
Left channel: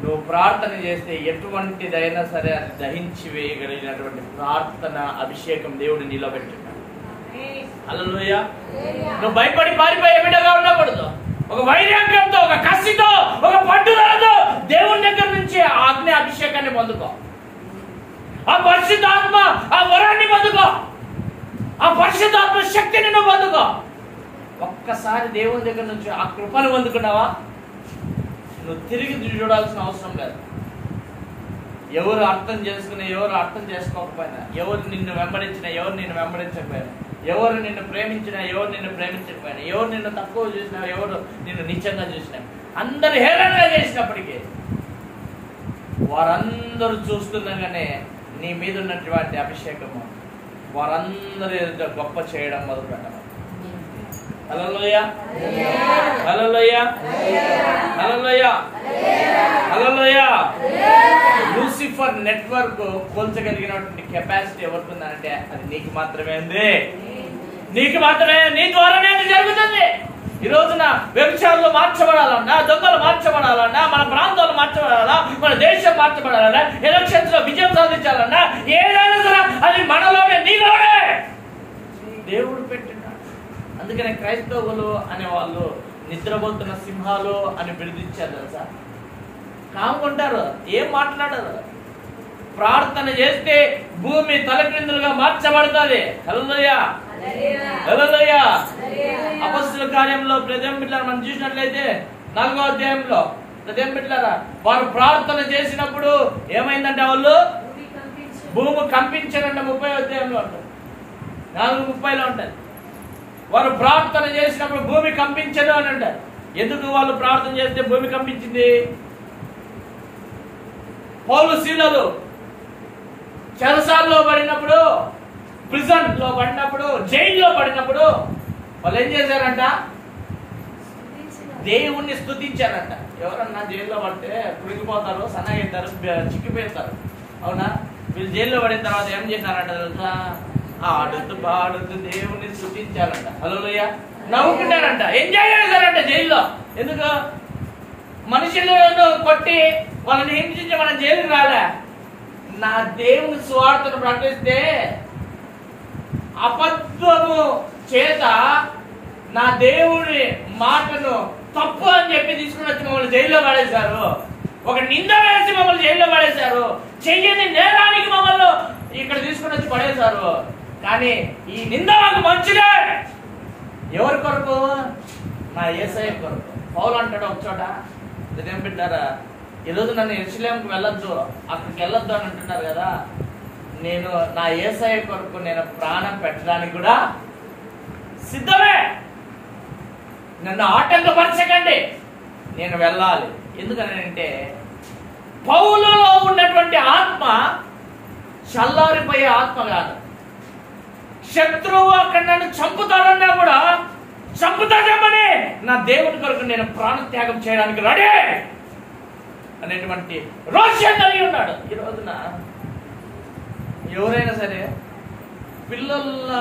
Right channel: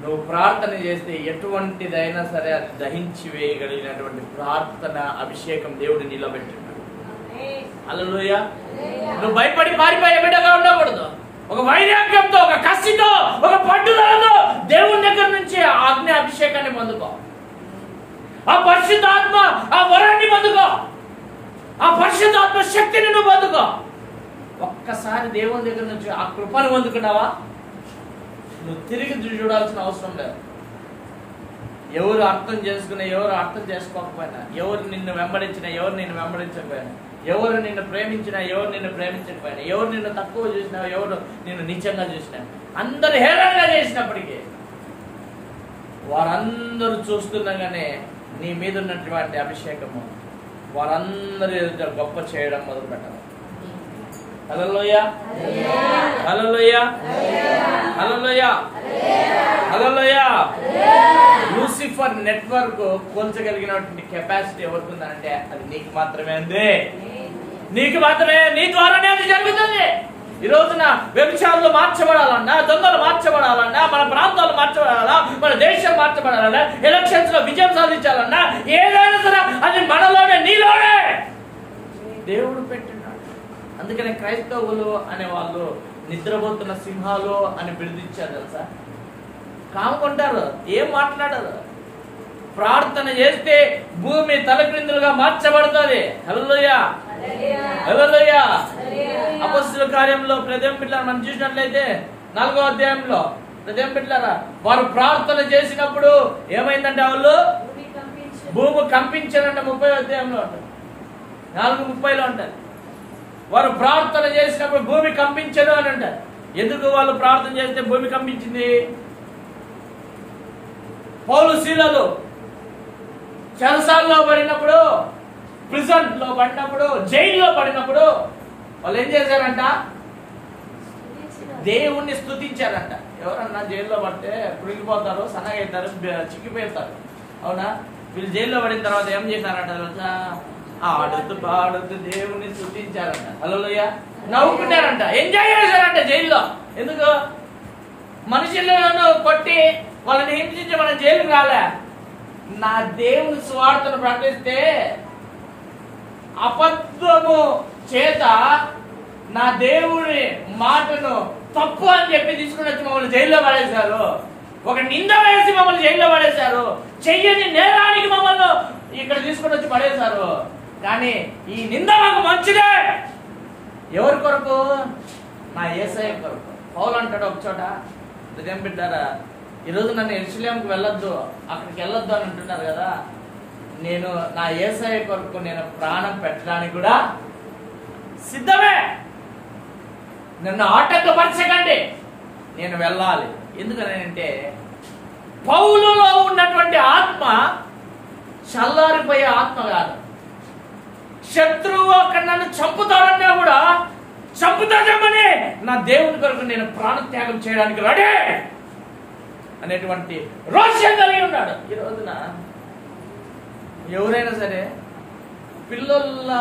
నువ్వు ప్రార్థన చేస్తే ఎటువంటిదైనా సరే దహించి వేయగలిగినటువంటి ప్రార్థన అభిషేకం దేవుడు నీలో పెట్టినాడు. హల్లెలూయా. నువ్వు భయపడి పారిపోయే బిడ్డగా ఉండకూడదు. ఒక వైరాగ్యంతో, ఒక కసితో, ఒక పట్టుదలతో దేవుని దగ్గర నుంచి ఆ అగ్ని అభిషేకాన్ని పొందుకో. ఆ పరిశుద్ధాత్మ ఆ వరాన్ని పొందుకో. ఆ పరిశుద్ధాత్మ శక్తిని నువ్వు పొందుకో. ఒక్కసారి దేవుని దగ్గర నుంచి ఆ కృపను పొందుకున్నావా, నువ్వు తిరిగి చూడాల్సిన అవసరం లేదు. ఎవరు అర్థం చేసుకున్నా, ఎవరు అర్థం చేసుకోకపోయినా, ఎవరు నిన్ను వెంబడించినా, ఎవరు నిన్ను వెంబడించకపోయినా, ఎవరు నిన్ను ప్రేమించినా, ఎవరు నిన్ను ప్రేమించకపోయినా, ఎవరు నిన్ను తక్కువ చూసినా, ఎవరు నిన్ను నీచంగా చూసినా, అందరు హేళనగా చేసినప్పటికీ వారందరూ చూస్తుండగానే నీ మీద ఉన్నటువంటి అభిషేకము వారందరూ ఎదుట గొప్ప చేయడం మొదలు పెట్టాలి. హల్లెలూయా, హల్లెలూయా, హల్లెలూయా, హల్లెలూయా. లూసిఫర్ నెట్వర్క్ కోల్చగలిగినటువంటి కెపాసిటీ ఎవరికి ఉందంటే అది నీకు మాత్రమే ఉంది. నీకు మాత్రమే, నీ ద్వారానే అది జరుగుతుంది. ఈ రోజున వ్యభిచారులు మార్చబడాలన్నా, దొంగలు మార్చబడాలన్నా, మన ప్రాంతాలు మార్చబడాలన్నా, మన దేశం మార్చబడాలన్నా, ఎలక్షన్స్ లో విజయం సాధించాలన్నా, ఏదైనా సరే అది మనలోనే, నీలోనే దేవుడు పెట్టినాడు. అందుకనే క్రైస్తవులు అనే వాళ్ళు నిద్రపోతున్న సింహాలు అని బిరుదిచ్చారు తెలుసా. కాముకుంటారు, ఏం మాట్లాడరు. ప్రార్థన చేస్తే భూమి తలక్రిందులుగా మార్చబడుతుంది. హల్లెలూయా, హల్లెలూయా. అపొస్తలుల కార్యంలో హృదయం బిడ్డలారా మనం చూసినట్లయితే 4వ అధ్యాయంలో హృదయం బిడ్డలారా వారు ప్రార్థన చేసినప్పుడు ఏమైందంటే వాళ్ళు భూమి కంపించారంట. 30వ అధ్యాయంలో ఉంటుంది, 4:30లో ఉంటుంది. వారు ప్రార్థన చేసినప్పుడు భూమి కంపించదు అని అంటారు. ఎందుకు వాళ్ళు ప్రార్థన చేస్తే భూమి కంపించింది? పౌలు సీలలు చెరసాల్లో పడినప్పుడు, ప్రిజన్ లో పడినప్పుడు, జైల్లో పడినప్పుడు వాళ్ళు ఏం చేశారంట? దేవుణ్ణి స్తుతించారంట. ఎవరన్నా జైల్లో పడితే కురికిపోతారు, సన్నగా అవుతారు, చిక్కిపోతారు. అవునా? వీళ్ళు జైల్లో పడిన తర్వాత ఏం చేశారంట తెలుసా? ఆడుతూ పాడుతూ దేవుణ్ణి స్తుతించారంట. హల్లెలూయా. నవ్వుకుంటారంట, ఎంజాయ్ చేశారంట జైల్లో. ఎందుకు? మనుషులను కొట్టి వాళ్ళని హింసించి మన జైలుకి రాలే. నా దేవుని స్వార్థను ప్రకటిస్తే అబద్ధము చేత నా దేవుని మాటను తప్పు అని చెప్పి తీసుకుని వచ్చి మమ్మల్ని జైల్లో పడేశారు. ఒక నింద వేసి మమ్మల్ని జైల్లో పడేశారు. చెయ్యని నేరానికి మమ్మల్ని ఇక్కడ తీసుకుని వచ్చి పడేశారు. కానీ ఈ నింద మాకు మంచిదే. ఎవరి కొరకు? నా యేసయ్య కొరకు. పౌలు అంటాడు ఒక చోట, హృదయం బిడ్డారా, ఈరోజు నన్ను యెరూషలేముకు వెళ్ళొద్దు, అక్కడికి వెళ్ళొద్దు అని అంటున్నారు కదా. నేను నా యేసయ్య కొరకు నేను ప్రాణం పెట్టడానికి కూడా సిద్ధమే. నన్ను ఆటంకపరచకండి, నేను వెళ్ళాలి. ఎందుకనంటే పౌలులో ఉన్నటువంటి ఆత్మ చల్లారిపోయే ఆత్మ కాదు. శత్రువు అక్కడ నన్ను చంపుతాడన్నా కూడా చంపుతా చెప్పని నా దేవుని కొరకు నేను ప్రాణత్యాగం చేయడానికి రెడీ అనేటువంటి రోషం కలిగి ఉన్నాడు. ఈ రోజున ఎవరైనా సరే పిల్లల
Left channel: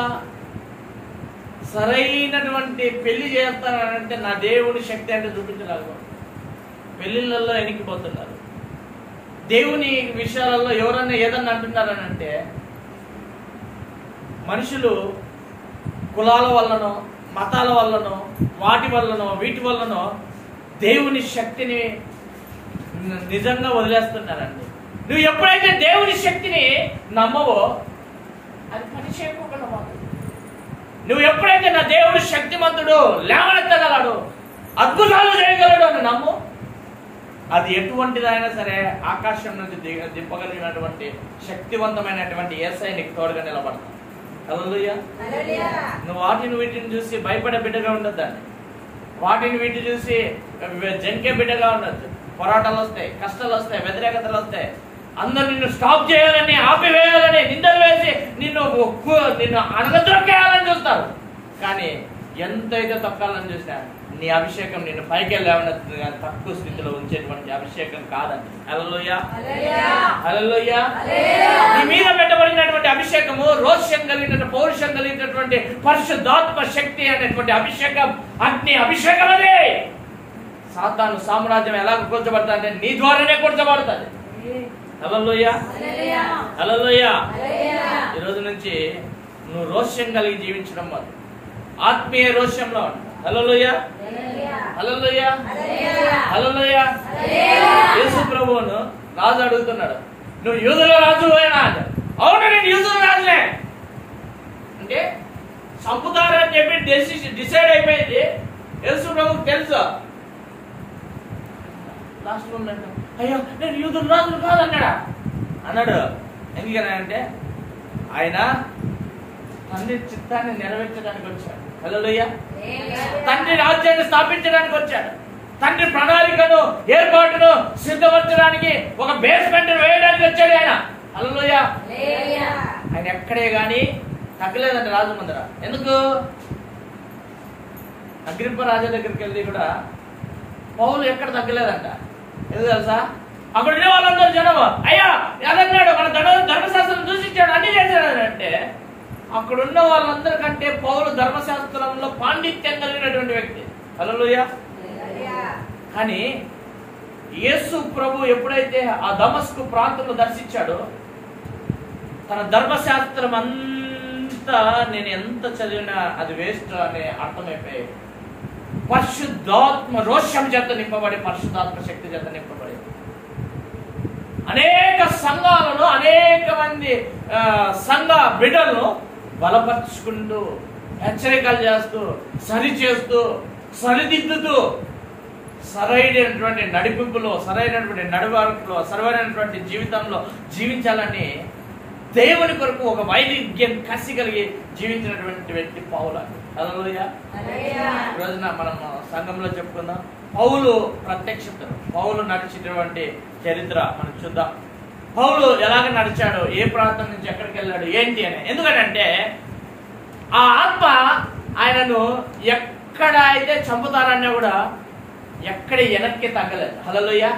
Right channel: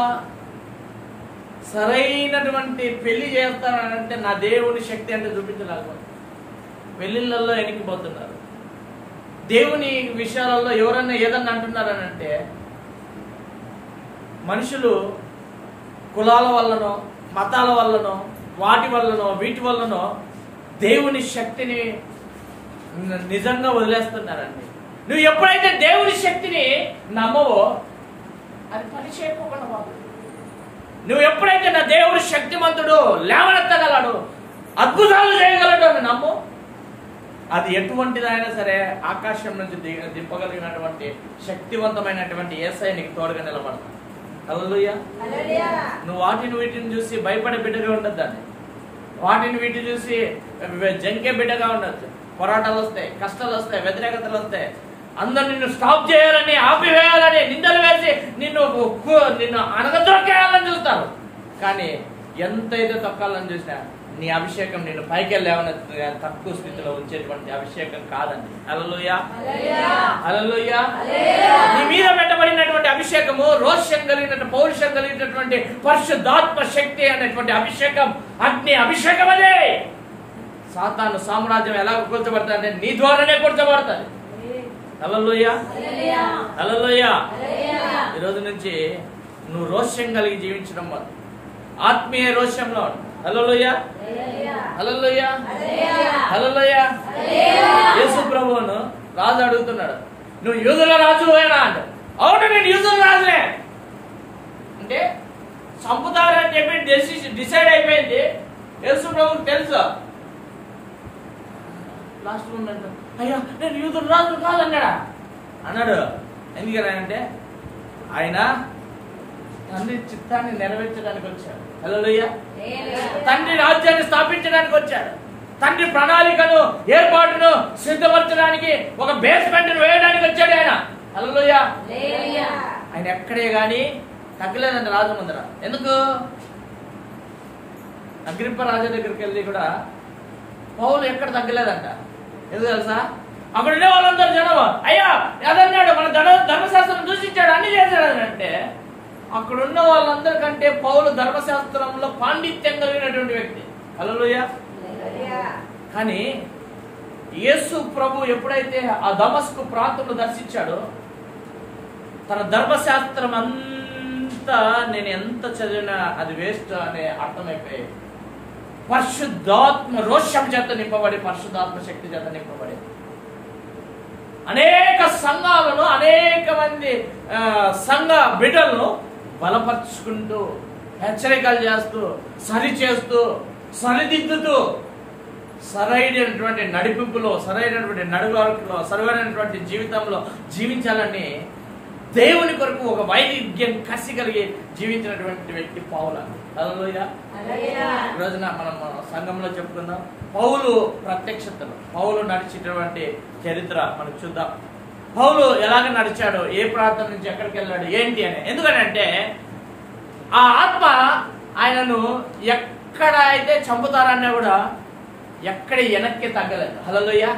సరైనటువంటి పెళ్లి చేస్తానంటే నా దేవుని శక్తి అంటే చూపించలేకపోతే పెళ్లిళ్ళల్లో ఎనికిపోతున్నారు. దేవుని విషయాలలో ఎవరన్నా ఏదన్నా అంటున్నారనంటే మనుషులు కులాల వల్లనో మతాల వల్లనో వాటి వల్లనో వీటి వల్లనో దేవుని శక్తిని నిజంగా వదిలేస్తున్నారండి. నువ్వు ఎప్పుడైతే దేవుని శక్తిని నమ్మవో అది పని చేయకుండా పోతుంది. నువ్వు ఎప్పుడైతే నా దేవుడు శక్తిమంతుడు, లేవనెత్తగలడు, అద్భుతాలు చేయగలడు అని నమ్ము, అది ఎటువంటిదైనా సరే ఆకాశం నుంచి దింపగలిగినటువంటి శక్తివంతమైనటువంటి యేసయ్య నీకు తోడుగా నిలబడతాడు. హల్లెలూయా. నువ్వు వాటిని వీటిని చూసి భయపడే బిడ్డగా ఉండద్దాన్ని, వాటిని వీటిని చూసి జంకే బిడ్డగా ఉండొచ్చు. పోరాటాలు వస్తాయి, కష్టాలు వస్తాయి, వ్యతిరేకతలు వస్తాయి, అందరు నిన్ను స్టాప్ చేయాలని, ఆపివేయాలని, నిందలు వేసి నిన్ను అణగద్రొక్కేయాలని చూస్తారు. కానీ ఎంతైతే తొక్కాలని చూసినా నీ అభిషేకం నిన్ను పైకి వెళ్ళామని తక్కువ స్థితిలో ఉంచేటువంటి అభిషేకం కాదండి. హల్లెలూయా, హల్లెలూయా. నీ మీద పెట్టబడినటువంటి అభిషేకము రోషం కలిగిన, పౌరుషం కలిగినటువంటి పరిశుద్ధాత్మ శక్తి అనేటువంటి అభిషేకం, అగ్ని అభిషేకం. అదే సాతాను సామ్రాజ్యం ఎలాగ కూర్చోబడతాది? నీ ద్వారానే కూర్చోబడతాది. హల్లెలూయా, హల్లెలూయా. ఈ రోజు నుంచి నువ్వు రోషం కలిగి జీవించడం వల్ల ఆత్మీయ రోషంలో ఉంటావు. హల్లెలూయా, హల్లెలూయా, హల్లెలూయా. యేసు ప్రభువును రాజు అడుగుతున్నాడు, నువ్వు యూదుల రాజువేనా అంటే, అవును నేను యూదుల రాజునే అంటే చంపుతారని చెప్పి డిసైడ్ అయిపోయింది. యేసు ప్రభువుకు తెలుసు. లాస్ట్ మూమెంట్ అయ్యా నేను యూదుల రాజును కాదన్నాడా అన్నాడు. ఎందుకనంటే ఆయన తండ్రి చిత్తాన్ని నెరవేర్చడానికి వచ్చాడు. హల్లెలూయా. తండ్రి రాజ్యాన్ని స్థాపించడానికి వచ్చాడు. తండ్రి ప్రణాళికను, ఏర్పాటును సిద్ధపరచడానికి, ఒక బేస్మెంట్ వేయడానికి వచ్చాడు ఆయన. హల్లెలూయా. ఆయన ఎక్కడే గాని తగ్గలేదండి రాజు ముందర. ఎందుకు? అగ్రిప్ప రాజు దగ్గరికి వెళ్ళి కూడా పౌలు ఎక్కడ తగ్గలేదంట. ఎందుకు తెలుసా? అక్కడ ఉండే వాళ్ళందరూ జనం అయ్యా అదన్నాడు, మన ధర్మశాస్త్రం దూషించాడు, అన్ని చేశాడు అంటే అక్కడున్న వాళ్ళందరికంటే పౌలు ధర్మశాస్త్రంలో పాండిత్యం కలిగినటువంటి వ్యక్తి. హల్లెలూయా. కానీ యేసు ప్రభు ఎప్పుడైతే ఆ దమస్కు ప్రాంతంలో దర్శించాడో తన ధర్మశాస్త్రం అంతా నేను ఎంత చదివినా అది వేస్ట్ అనే అర్థమైపోయి పరిశుద్ధాత్మ రోషం చేత నింపబడి, పరిశుద్ధాత్మ శక్తి చేత నింపబడి అనేక సంఘాలను, అనేక మంది సంఘ బిడ్డలను బలపరుచుకుంటూ, హెచ్చరికలు చేస్తూ, సరి చేస్తూ, సరిదిద్దుతూ, సరైనటువంటి నడిపింపులో, సరైనటువంటి నడవడికలో, సరైనటువంటి జీవితంలో జీవించాలని దేవుని కొరకు ఒక వైవిధ్యం కసి కలిగి జీవించినటువంటి వ్యక్తి పౌలు. హల్లెలూయా. ఈ రోజున మనం సంఘంలో చెప్పుకుందాం పౌలు ప్రత్యక్షతను, పౌలు నడిచినటువంటి చరిత్ర మనం చూద్దాం. పౌలు ఎలాగ నడిచాడు, ఏ ప్రాంతం నుంచి ఎక్కడికి వెళ్ళాడు, ఏంటి అని. ఎందుకంటే ఆ ఆత్మ ఆయనను ఎక్కడ అయితే చంపుతారన్నా కూడా ఎక్కడ వెనక్కి తగ్గలేదు. హల్లెలూయా.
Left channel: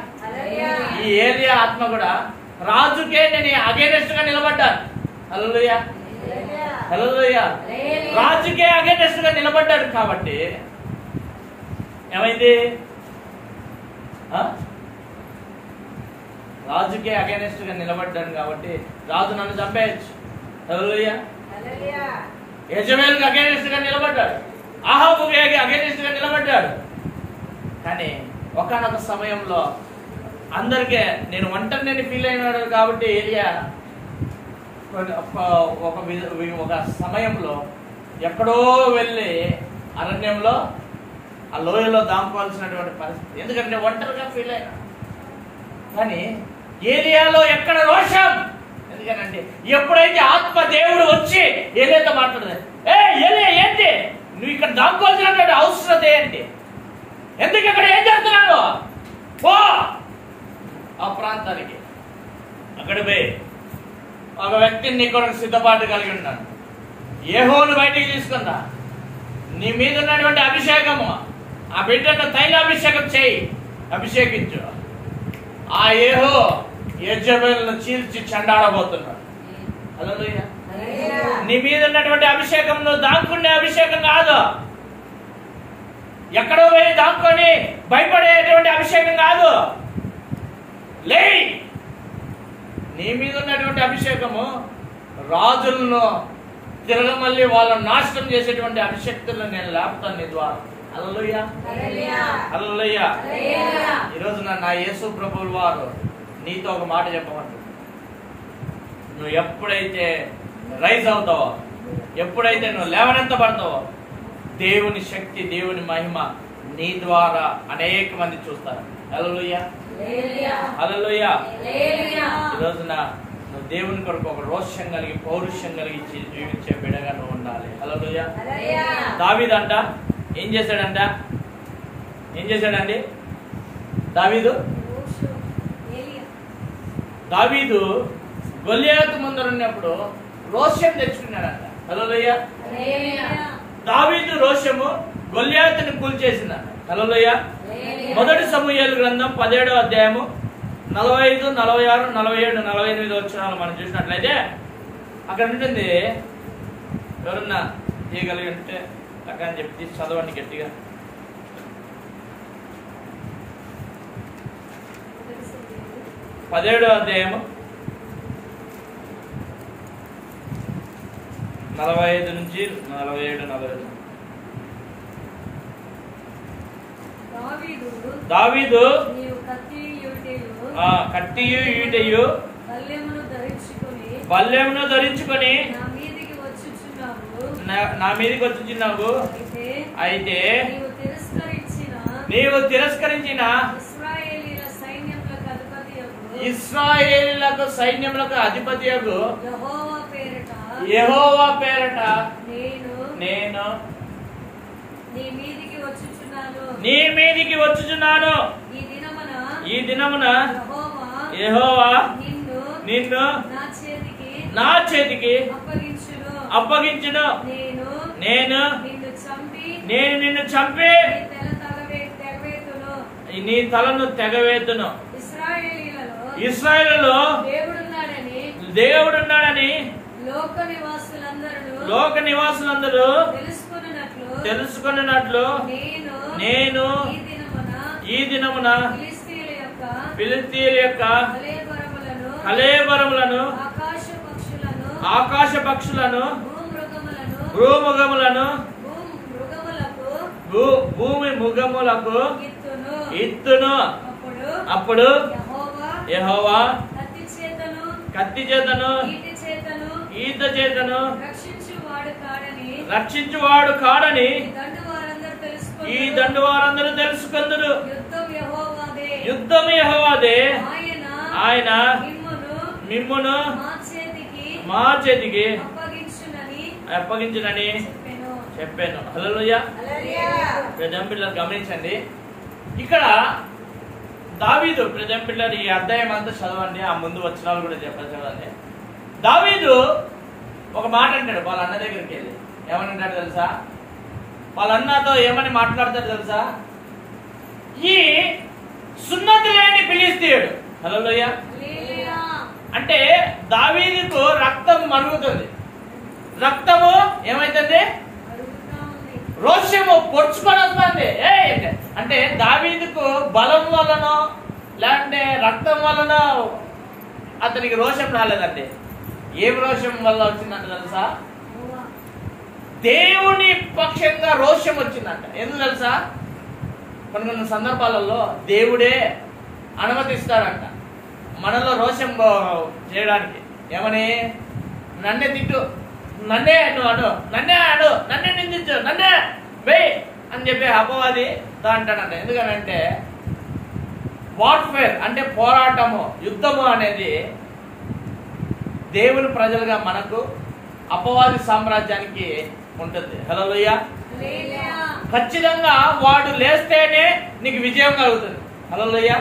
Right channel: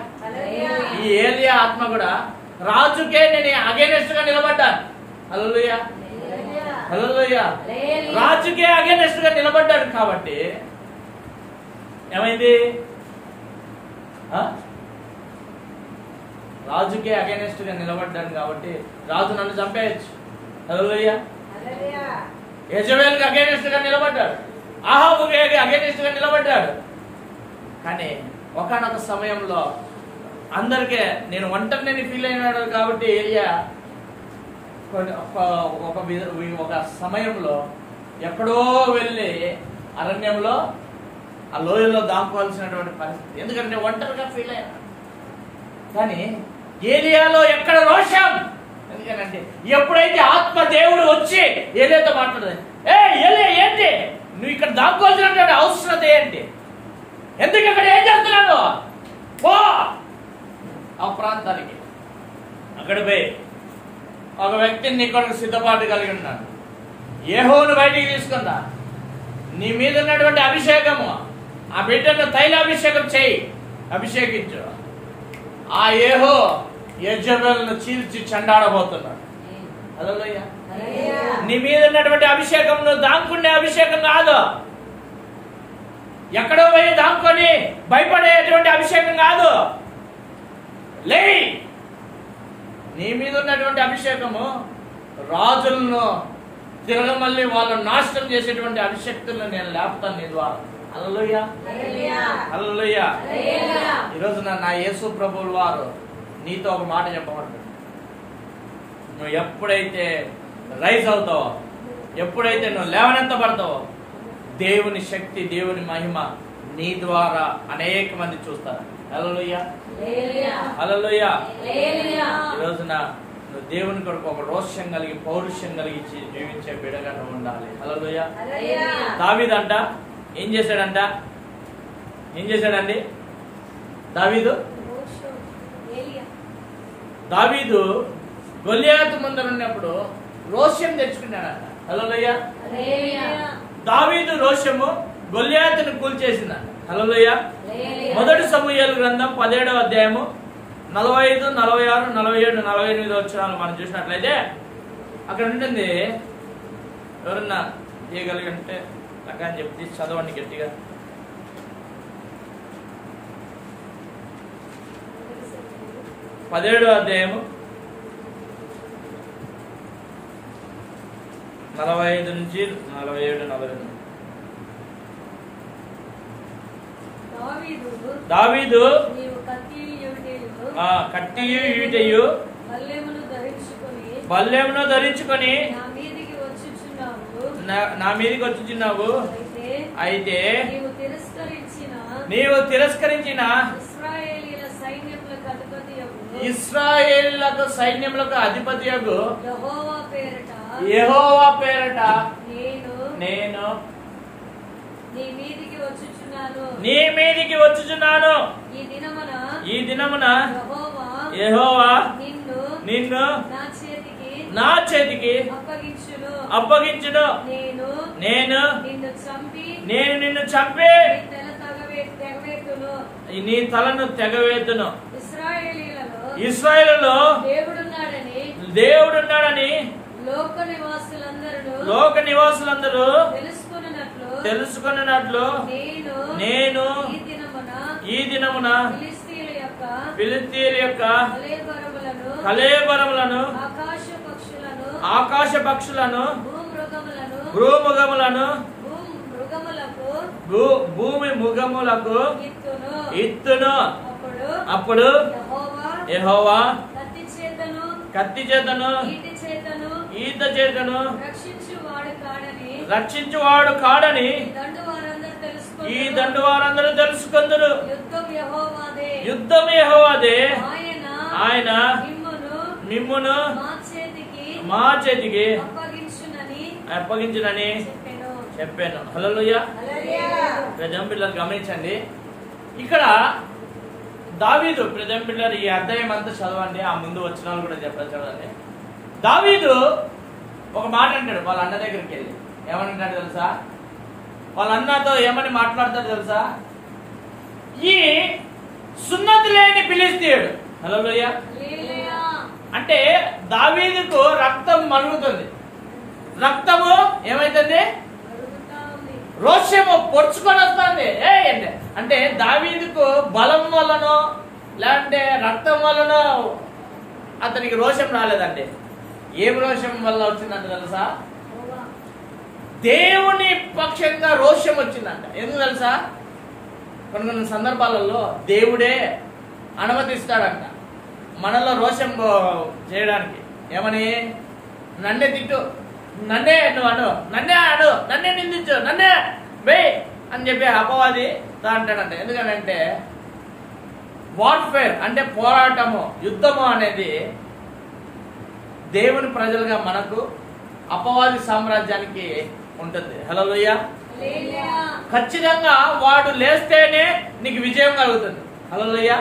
ఈ ఏలియా ఆత్మ కూడా రాజుకే నేను అగైనెస్ట్ గా నిలబడ్డాను. హల్లెలూయా, హల్లెలూయా. రాజుకే అగైనెస్ట్ గా నిలబడ్డాడు కాబట్టి ఏమైంది? రాజుకే అగైనెస్ట్ గా నిలబడ్డాడు కాబట్టి రాజు నన్ను చంపేయచ్చు. హల్లెలూయా. యెజబెల్కి అగైనెస్ట్ గా నిలబడ్డాడు, అహాబుకి అగైనెస్ట్ గా నిలబడ్డాడు. కానీ ఒకానొక సమయంలో అందరికీ నేను ఒంటరిని ఫీల్ అయినాడు కాబట్టి ఏలియా ఒక సమయంలో ఎక్కడో వెళ్ళి అరణ్యంలో ఆ లోయలో దాముకోవాల్సినటువంటి పరిస్థితి. ఎందుకంటే ఒంటరిగా ఫీల్ అయినా. కానీ ఏలియాలో ఎక్కడ రోషం? ఎందుకంటే ఎప్పుడైతే ఆత్మ దేవుడు వచ్చి ఏలియాతో మాట్లాడదు, ఏలియా ఏంటి నువ్వు ఇక్కడ దాముకోవాల్సినటువంటి అవసరం ఏంటి? ఎందుకు ఇక్కడ ఏం చేస్తున్నాడు? పో ఆ ప్రాంతానికి. అక్కడ పోయి ఒక వ్యక్తిని నీ కొరకు సిద్ధపాటు కలిగి ఉన్నాను, యెహోవాను బయటికి తీసుకుందా, నీ మీద ఉన్నటువంటి అభిషేకము ఆ బిడ్డను తైలాభిషేకం చేయి, అభిషేకించు. ఆ యెహో యెజబెల్ను చీల్చి చెండాడబోతున్నాడు. హల్లెలూయా. నీ మీద ఉన్నటువంటి అభిషేకం నువ్వు దాక్కునే అభిషేకం కాదు, ఎక్కడో పోయి దాక్కొని భయపడేటువంటి అభిషేకం కాదు. లే, నీ మీద ఉన్నటువంటి అభిషేకము రాజులను తిరగ మళ్ళీ వాళ్ళని నాశనం చేసేటువంటి అభిషక్తులను నేను లేపుతాను నీ ద్వారా. హల్లెలూయా, హల్లెలూయా. ఈరోజు నా యేసు ప్రభువుల వారు నీతో ఒక మాట చెప్పమంటాడు. నువ్వు ఎప్పుడైతే రైజ్ అవుతావో, ఎప్పుడైతే నువ్వు లేవనెత్తబడతావో, దేవుని శక్తి, దేవుని మహిమ నీ ద్వారా అనేక మంది చూస్తారు. హల్లెలూయా, హల్లెలూయా. ఈరోజున నువ్వు దేవుని కొరకు ఒక రోషం కలిగి, పౌరుషం కలిగి జీవించే బిడ్డగా నువ్వు ఉండాలి. హల్లెలూయా. దావీదంట ఏం చేశాడంట? ఏం చేశాడండి దావీదు గొలియాతు ముందర ఉన్నప్పుడు రోషం తెచ్చుకున్నాడంట. హల్లెలూయా. దావీదు రోషము గొలియాతును కూల్చేసిందంట. హల్లెలూయా. మొదటి సమూయేలు గ్రంథం 17వ అధ్యాయము 45, 46, 47, 48 వచనాలు మనం చూసినట్లయితే అక్కడ ఉంటుంది. ఎవరన్నా తీయగలిగి అంటే అక్కడ అని చెప్పి చదవండి గట్టిగా. 17వ అధ్యాయము 45 నుంచి 47, 48. దావీదు కత్తియు ఈటెయు బల్లెమును ధరించుకొని నా మీదికి వచ్చుచున్నావు. అయితే నీవు తిరస్కరించిన ఇశ్రాయేలులకు సైన్యములకు అధిపతియగు యెహోవా పేరట నేను నీ మీదికి వచ్చుచున్నాను. ఈ దినమున యెహోవా నిన్ను నా చేతికి అప్పగించును. నేను నిన్ను చంపి నీ తలను తెగవేతును. ఇశ్రాయేలులో దేవుడున్నాడని లోక నివాసులందరూ తెలుసుకున్నట్లు నేను ఈ దినమున ఫిలిష్తీయుల యొక్క కళేబరములను, ఆకాశ పక్షులను, భూమి మృగములకు ఇత్తును. అప్పుడు యెహోవా కత్తి చేతను ఈత చేతను రక్షించువాడు కాడని ఈ దండు వారందరూ తెలుసుకుందరు. యుద్ధం యెహోవాదే, ఆయన మిమ్మును మా చేతికి అప్పగించునని చెప్పాను. హల్లెలూయా. పిల్లలు గమనించండి, ఇక్కడ దావీదు పిల్లలు ఈ అధ్యాయం అంతా చదవండి, ఆ ముందు వచనాలు కూడా చెప్పాలి చదవండి. దావీదు ఒక మాట అంటాడు వాళ్ళ అన్న దగ్గరికి వెళ్ళి. ఏమనంటాడు తెలుసా? వాళ్ళ అన్నతో ఏమని మాట్లాడతాడు తెలుసా? ఈ సున్నతి లేని ఫిలిష్తీయుడు. హల్లెలూయా. అంటే దావీదుకు రక్తం మరుగుతుంది. రక్తము ఏమైతుంది? రోషము పొడుచుకొని వస్తుంది. అంటే దావీదుకు బలం వలనో లేదంటే రక్తం వలనో అతనికి రోషం రాలేదండి. ఏం రోషం వల్ల వచ్చిందంటే తెలుసా? దేవుని పక్షంగా రోషం వచ్చిందంట. ఎందుకు తెలుసా? కొన్ని సందర్భాలలో దేవుడే అనుమతిస్తాడంట మనలో రోషం చేయడానికి. ఏమని? నన్నే తిట్టు, నన్నే నువ్వు అను, నన్నే నిందించు, నన్నే బే అని చెప్పి అపవాది అంటాడంట. ఎందుకనంటే వార్ఫేర్ అంటే పోరాటము, యుద్ధము అనేది దేవుని ప్రజలుగా మనకు అపవాది సామ్రాజ్యానికి ఉంటుంది. హల్లెలూయా. ఖచ్చితంగా వాడు లేస్తేనే నీకు విజయం కలుగుతుంది. హల్లెలూయా.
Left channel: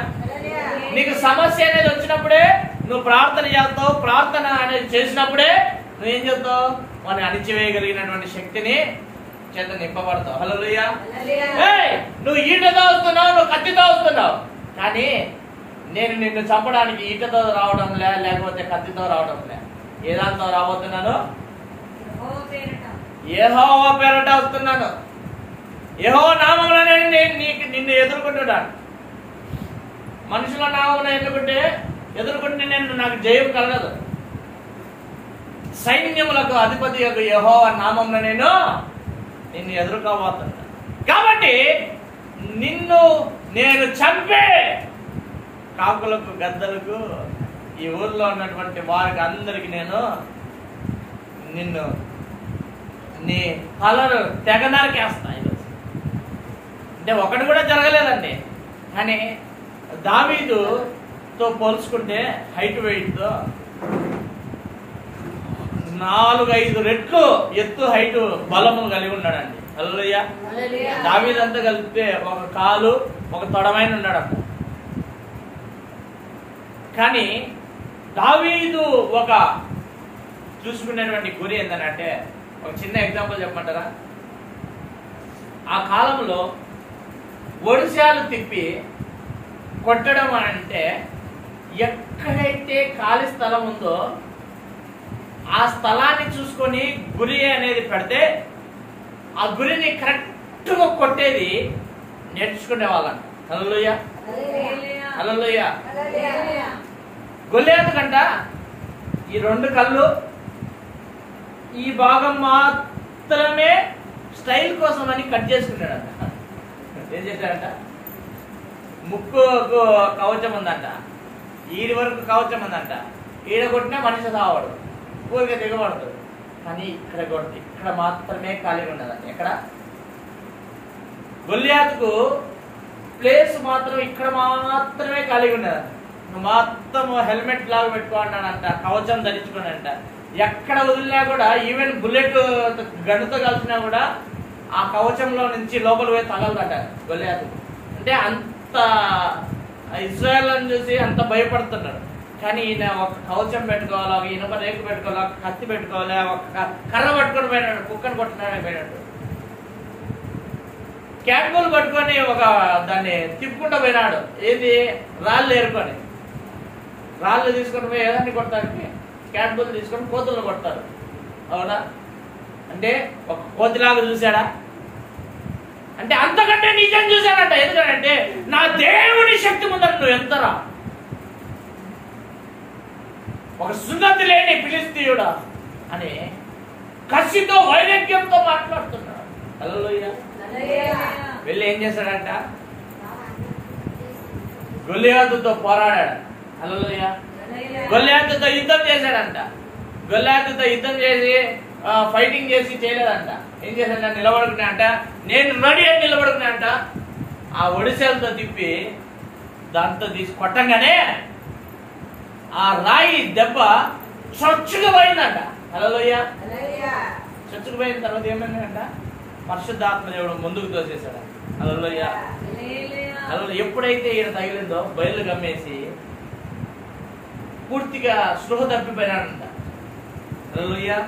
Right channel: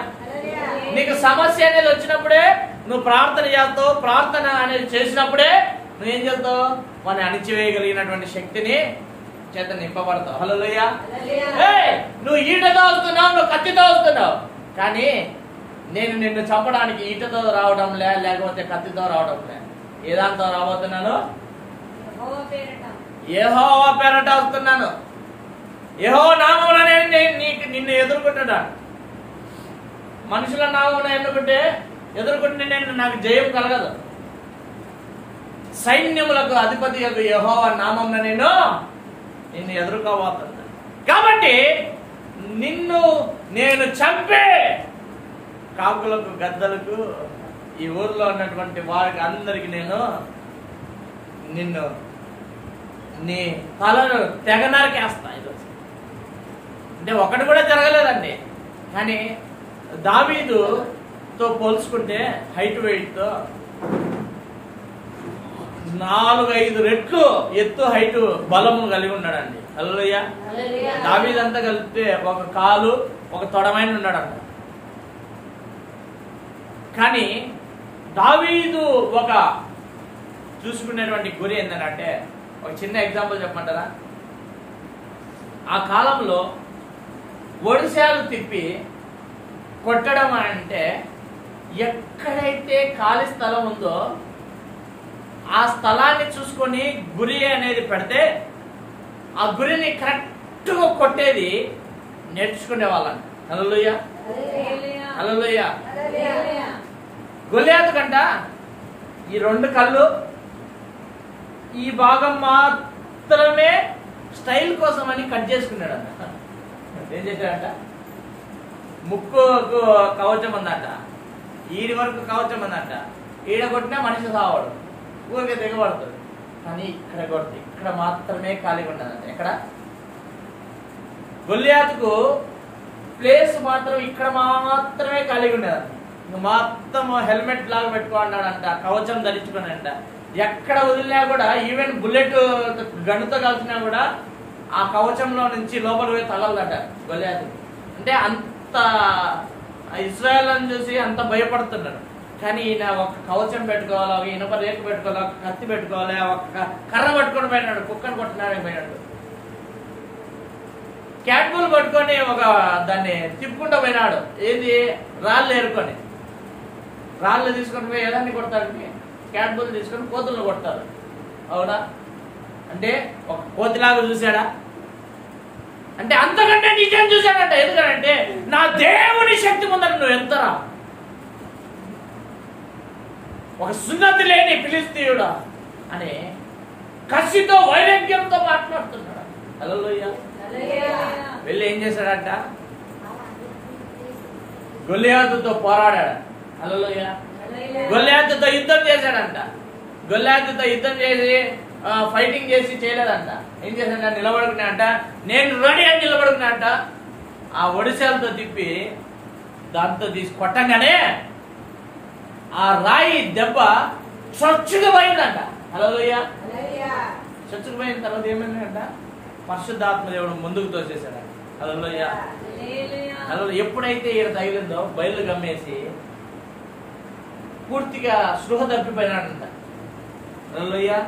నీకు సమస్య అనేది వచ్చినప్పుడే నువ్వు ప్రార్థన చేస్తావు. ప్రార్థన అనేది చేసినప్పుడే నువ్వేం చేస్తావు? వాడిని అణిచివేయగలిగినటువంటి శక్తిని చేత నింపబడతావు. హల్లెలూయా. నువ్వు ఈటతో వస్తున్నావు, నువ్వు కత్తితో వస్తున్నావు, కానీ నేను నిన్ను చంపడానికి ఈటతో రావడం లేకపోతే కత్తితో రావడం లే. ఏ దాంతో రాబోతున్నాను? యెహోవా పేరట వస్తున్నాను. యెహోవా నామమున నేను నిన్ను ఎదుర్కొంటున్నాను. మనుషుల నామమున ఎదుర్కొంటే నాకు జయం కలగదు. సైన్యములకు అధిపతి యొక్క యెహోవా నామమున నిన్ను ఎదుర్కోబోతున్నా. కాబట్టి నిన్ను నేను చంపే కాకులకు, గద్దలకు, ఈ ఊర్లో ఉన్నటువంటి వారికి అందరికి నిన్ను నీ తలను తెగ నరికేస్తా ఈరోజు. అంటే ఒకటి కూడా జరగలేదండి. కానీ దావీదుతో పోల్చుకుంటే హైట్ వెయిట్తో 4-5 రెట్లు ఎత్తు హైట్ బలము కలిగి ఉన్నాడండి. హల్లెలూయా. దావీదంతా కలిపితే ఒక కాలు ఒక తొడమైన ఉన్నాడంట. కానీ దావీదు ఒక చూసుకునేటువంటి గురి ఏంటంటే, ఒక చిన్న ఎగ్జాంపుల్ చెప్పమంటారా? ఆ కాలంలో ఒడిశాలు తిప్పి కొట్టడం అంటే ఎక్కడైతే ఖాళీ స్థలం ఉందో ఆ స్థలాన్ని చూసుకొని గురి అనేది పెడితే ఆ గురిని కరెక్ట్గా కొట్టేది నేర్చుకునే వాళ్ళని. హల్లెలూయా, హల్లెలూయా. గొల్లియాతు కంట ఈ 2 కళ్ళు ఈ భాగం మాత్రమే స్టైల్ కోసం అని కట్ చేసుకున్నాడంట. ఏం చేశాడంట? ముక్కుకు కవచం ఉందంట, ఈడి వరకు కవచం ఉందంట. ఈడ కొట్టినా మనిషి సావాడు, ఊరికే దిగబడుతుంది. కానీ ఇక్కడ మాత్రమే ఖాళీగా ఉన్నదంట. ఎక్కడ? గొల్లియాతుకు ప్లేస్ మాత్రం ఇక్కడ మాత్రమే ఖాళీగా ఉండేదంట. మొత్తం హెల్మెట్ లాగా పెట్టుకున్నాడంట, కవచం ధరించుకున్నాడంట. ఎక్కడ వదిలినా కూడా, ఈవెన్ బుల్లెట్ గన్నుతో కలిసినా కూడా ఆ కవచంలో నుంచి లోపల పోయి తగలదట గొల్లియాతు. అంటే అంత ఇశ్రాయేల్ అని చూసి అంత భయపడుతున్నాడు. కానీ ఈయన ఒక కవచం పెట్టుకోవాలి, ఒక ఇనుప రేకు పెట్టుకోవాలి, ఒక కత్తి పెట్టుకోవాలి, ఒక కర్ర పట్టుకొని పోయినాడు, కుక్కను కొట్టినాడే పోయినట్టు. క్యాట్బుల్ పట్టుకొని ఒక దాన్ని తిప్పుకుంటూ పోయినాడు. ఏది? రాళ్ళు ఏరుకొని, రాళ్ళు తీసుకొని పోయి ఏదాన్ని కొడతారు? క్యాట్బుల్ తీసుకొని కోతులను కొడతారు. అవునా? అంటే ఒక కోతిలాగా చూశాడా? అంటే అంతకంటే నిజం చూశాడంట. ఎందుకంటే నా దేవుని శక్తి ముందర నువ్వు ఎంతరా, ఒక సున్నతి లేని ఫిలిష్తీయుడా అని కసితో వైరాగ్యంతో మాట్లాడుతున్నాడు. హల్లెలూయా. వెళ్ళి ఏం చేశాడంట? గొల్లియాతుతో పోరాడాడు. హల్లెలూయా. గొల్లియాతుతో యుద్ధం చేశాడంట. గొల్లియాతుతో యుద్ధం చేసి ఫైటింగ్ చేసి చేయలేదంట. ఏం చేశాడంట? నిలబడుకున్నా అంట, నేను రెడీ అని నిలబడుకున్నా అంట. ఆ ఒడిశాలతో తిప్పి దాంతో తీసి కొట్టంగానే ఆ రాయి దెబ్బ చొచ్చుకు పోయిందంట. హల్లెలూయా. చొచ్చుకు పోయిన తర్వాత ఏమైందంట? పరిశుద్ధాత్మ దేవుడు ముందుకు తోసేశాడు. హల్లెలూయా. ఎప్పుడైతే ఈయన తగిలిందో బయలు గమ్మేసి పూర్తిగా స్పృహ తప్పిపోయినాడంట. హల్లెలూయా.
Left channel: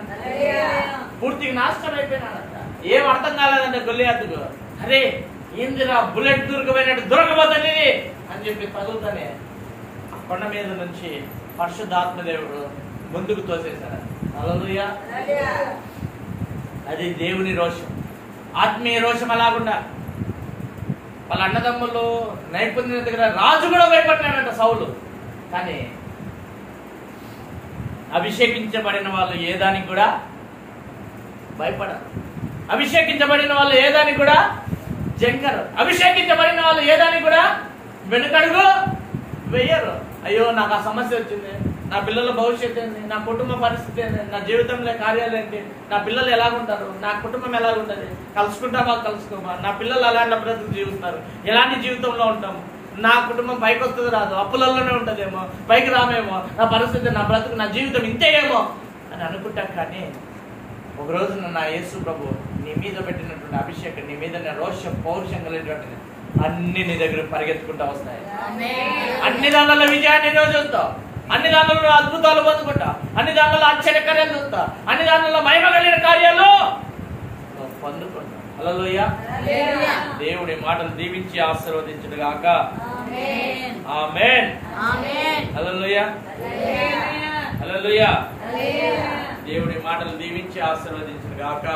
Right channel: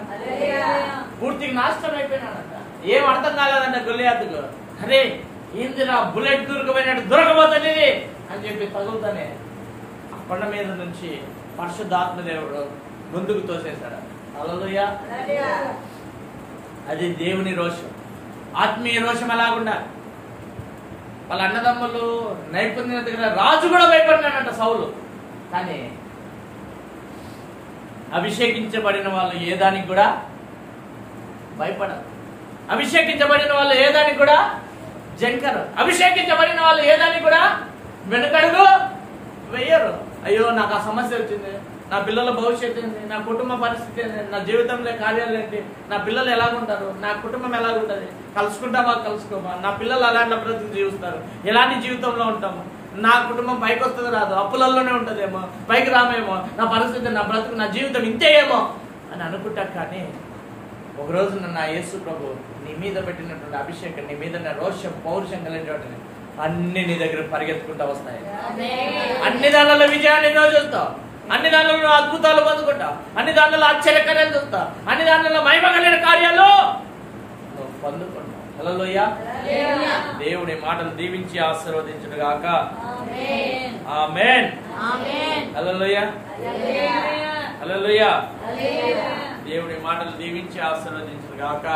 పూర్తిగా నాశనం అయిపోయినాడంట. ఏం అర్థం కాలేదంట గొల్లియాతుకు. అరే ఏందిరా బుల్లెట్ దొరకబోతుంది అని చెప్పి తగులుతానే కొండ మీద నుంచి పరిశుద్ధాత్మ దేవుడు ముందుకు తోసేశాడు. హల్లెలూయా. అది దేవుని రోషం, ఆత్మీయ రోషం. అలాగుండా వాళ్ళ అన్నదమ్ములు నైపుణ్యత దగ్గర రాజు కూడా భయపడినాడంట, సౌలు. కానీ అభిషేకించబడిన వాళ్ళు ఏదానికి కూడా భయపడరు. అభిషేకించబడిన వాళ్ళు ఏదానికి కూడా జంకరు. అభిషేకించబడిన వాళ్ళు ఏదానికి కూడా వెనుకడుగు వెయ్యరు. అయ్యో నాకు ఆ సమస్య వచ్చింది, నా పిల్లల భవిష్యత్తు ఏంటి, నా కుటుంబ పరిస్థితి ఏంటి, నా జీవితంలో కార్యాలు ఏంటి, నా పిల్లలు ఎలాగుంటారు, నా కుటుంబం ఎలాగుంటది, కలుసుకుంటామా కలుసుకోమా, నా పిల్లలు అలాంటి బ్రతుకు జీవిస్తారు, ఎలాంటి జీవితంలో ఉంటాము, నా కుటుంబం పైకి వస్తుంది రాదు, అప్పులలోనే ఉంటదేమో, పైకి రామేమో, నా పరిస్థితి, నా బ్రతుకు, నా జీవితం ఇంతే ఏమో అని అనుకుంటాం. కానీ ఒక రోజున నా యేసు ప్రభు నీ మీద పెట్టినటువంటి అభిషేకం, నీ మీద రోషం పౌరుషం కలిగినటువంటి అన్ని నీ దగ్గర పరిగెత్తుకుంటా వస్తాయి. అన్ని దానిలో విజయాన్ని నువ్వు చూస్తావు, అన్ని దానిలో అద్భుతాలు పొందుకుంటా, అన్ని దానిలో ఆశ్చర్యకార్యాలు చూస్తా, అన్ని దానిలో మహిమ కలిగిన కార్యాలు నువ్వు పొందుకుంటావు. హల్లెలూయా. దేవుడి మాటలు దీవించి ఆశీర్వదించును గాక. ఆమేన్. హల్లెలూయా. హల్లెలూయా. దేవుడి మాటలు దీవించి ఆశీర్వదించును గాక.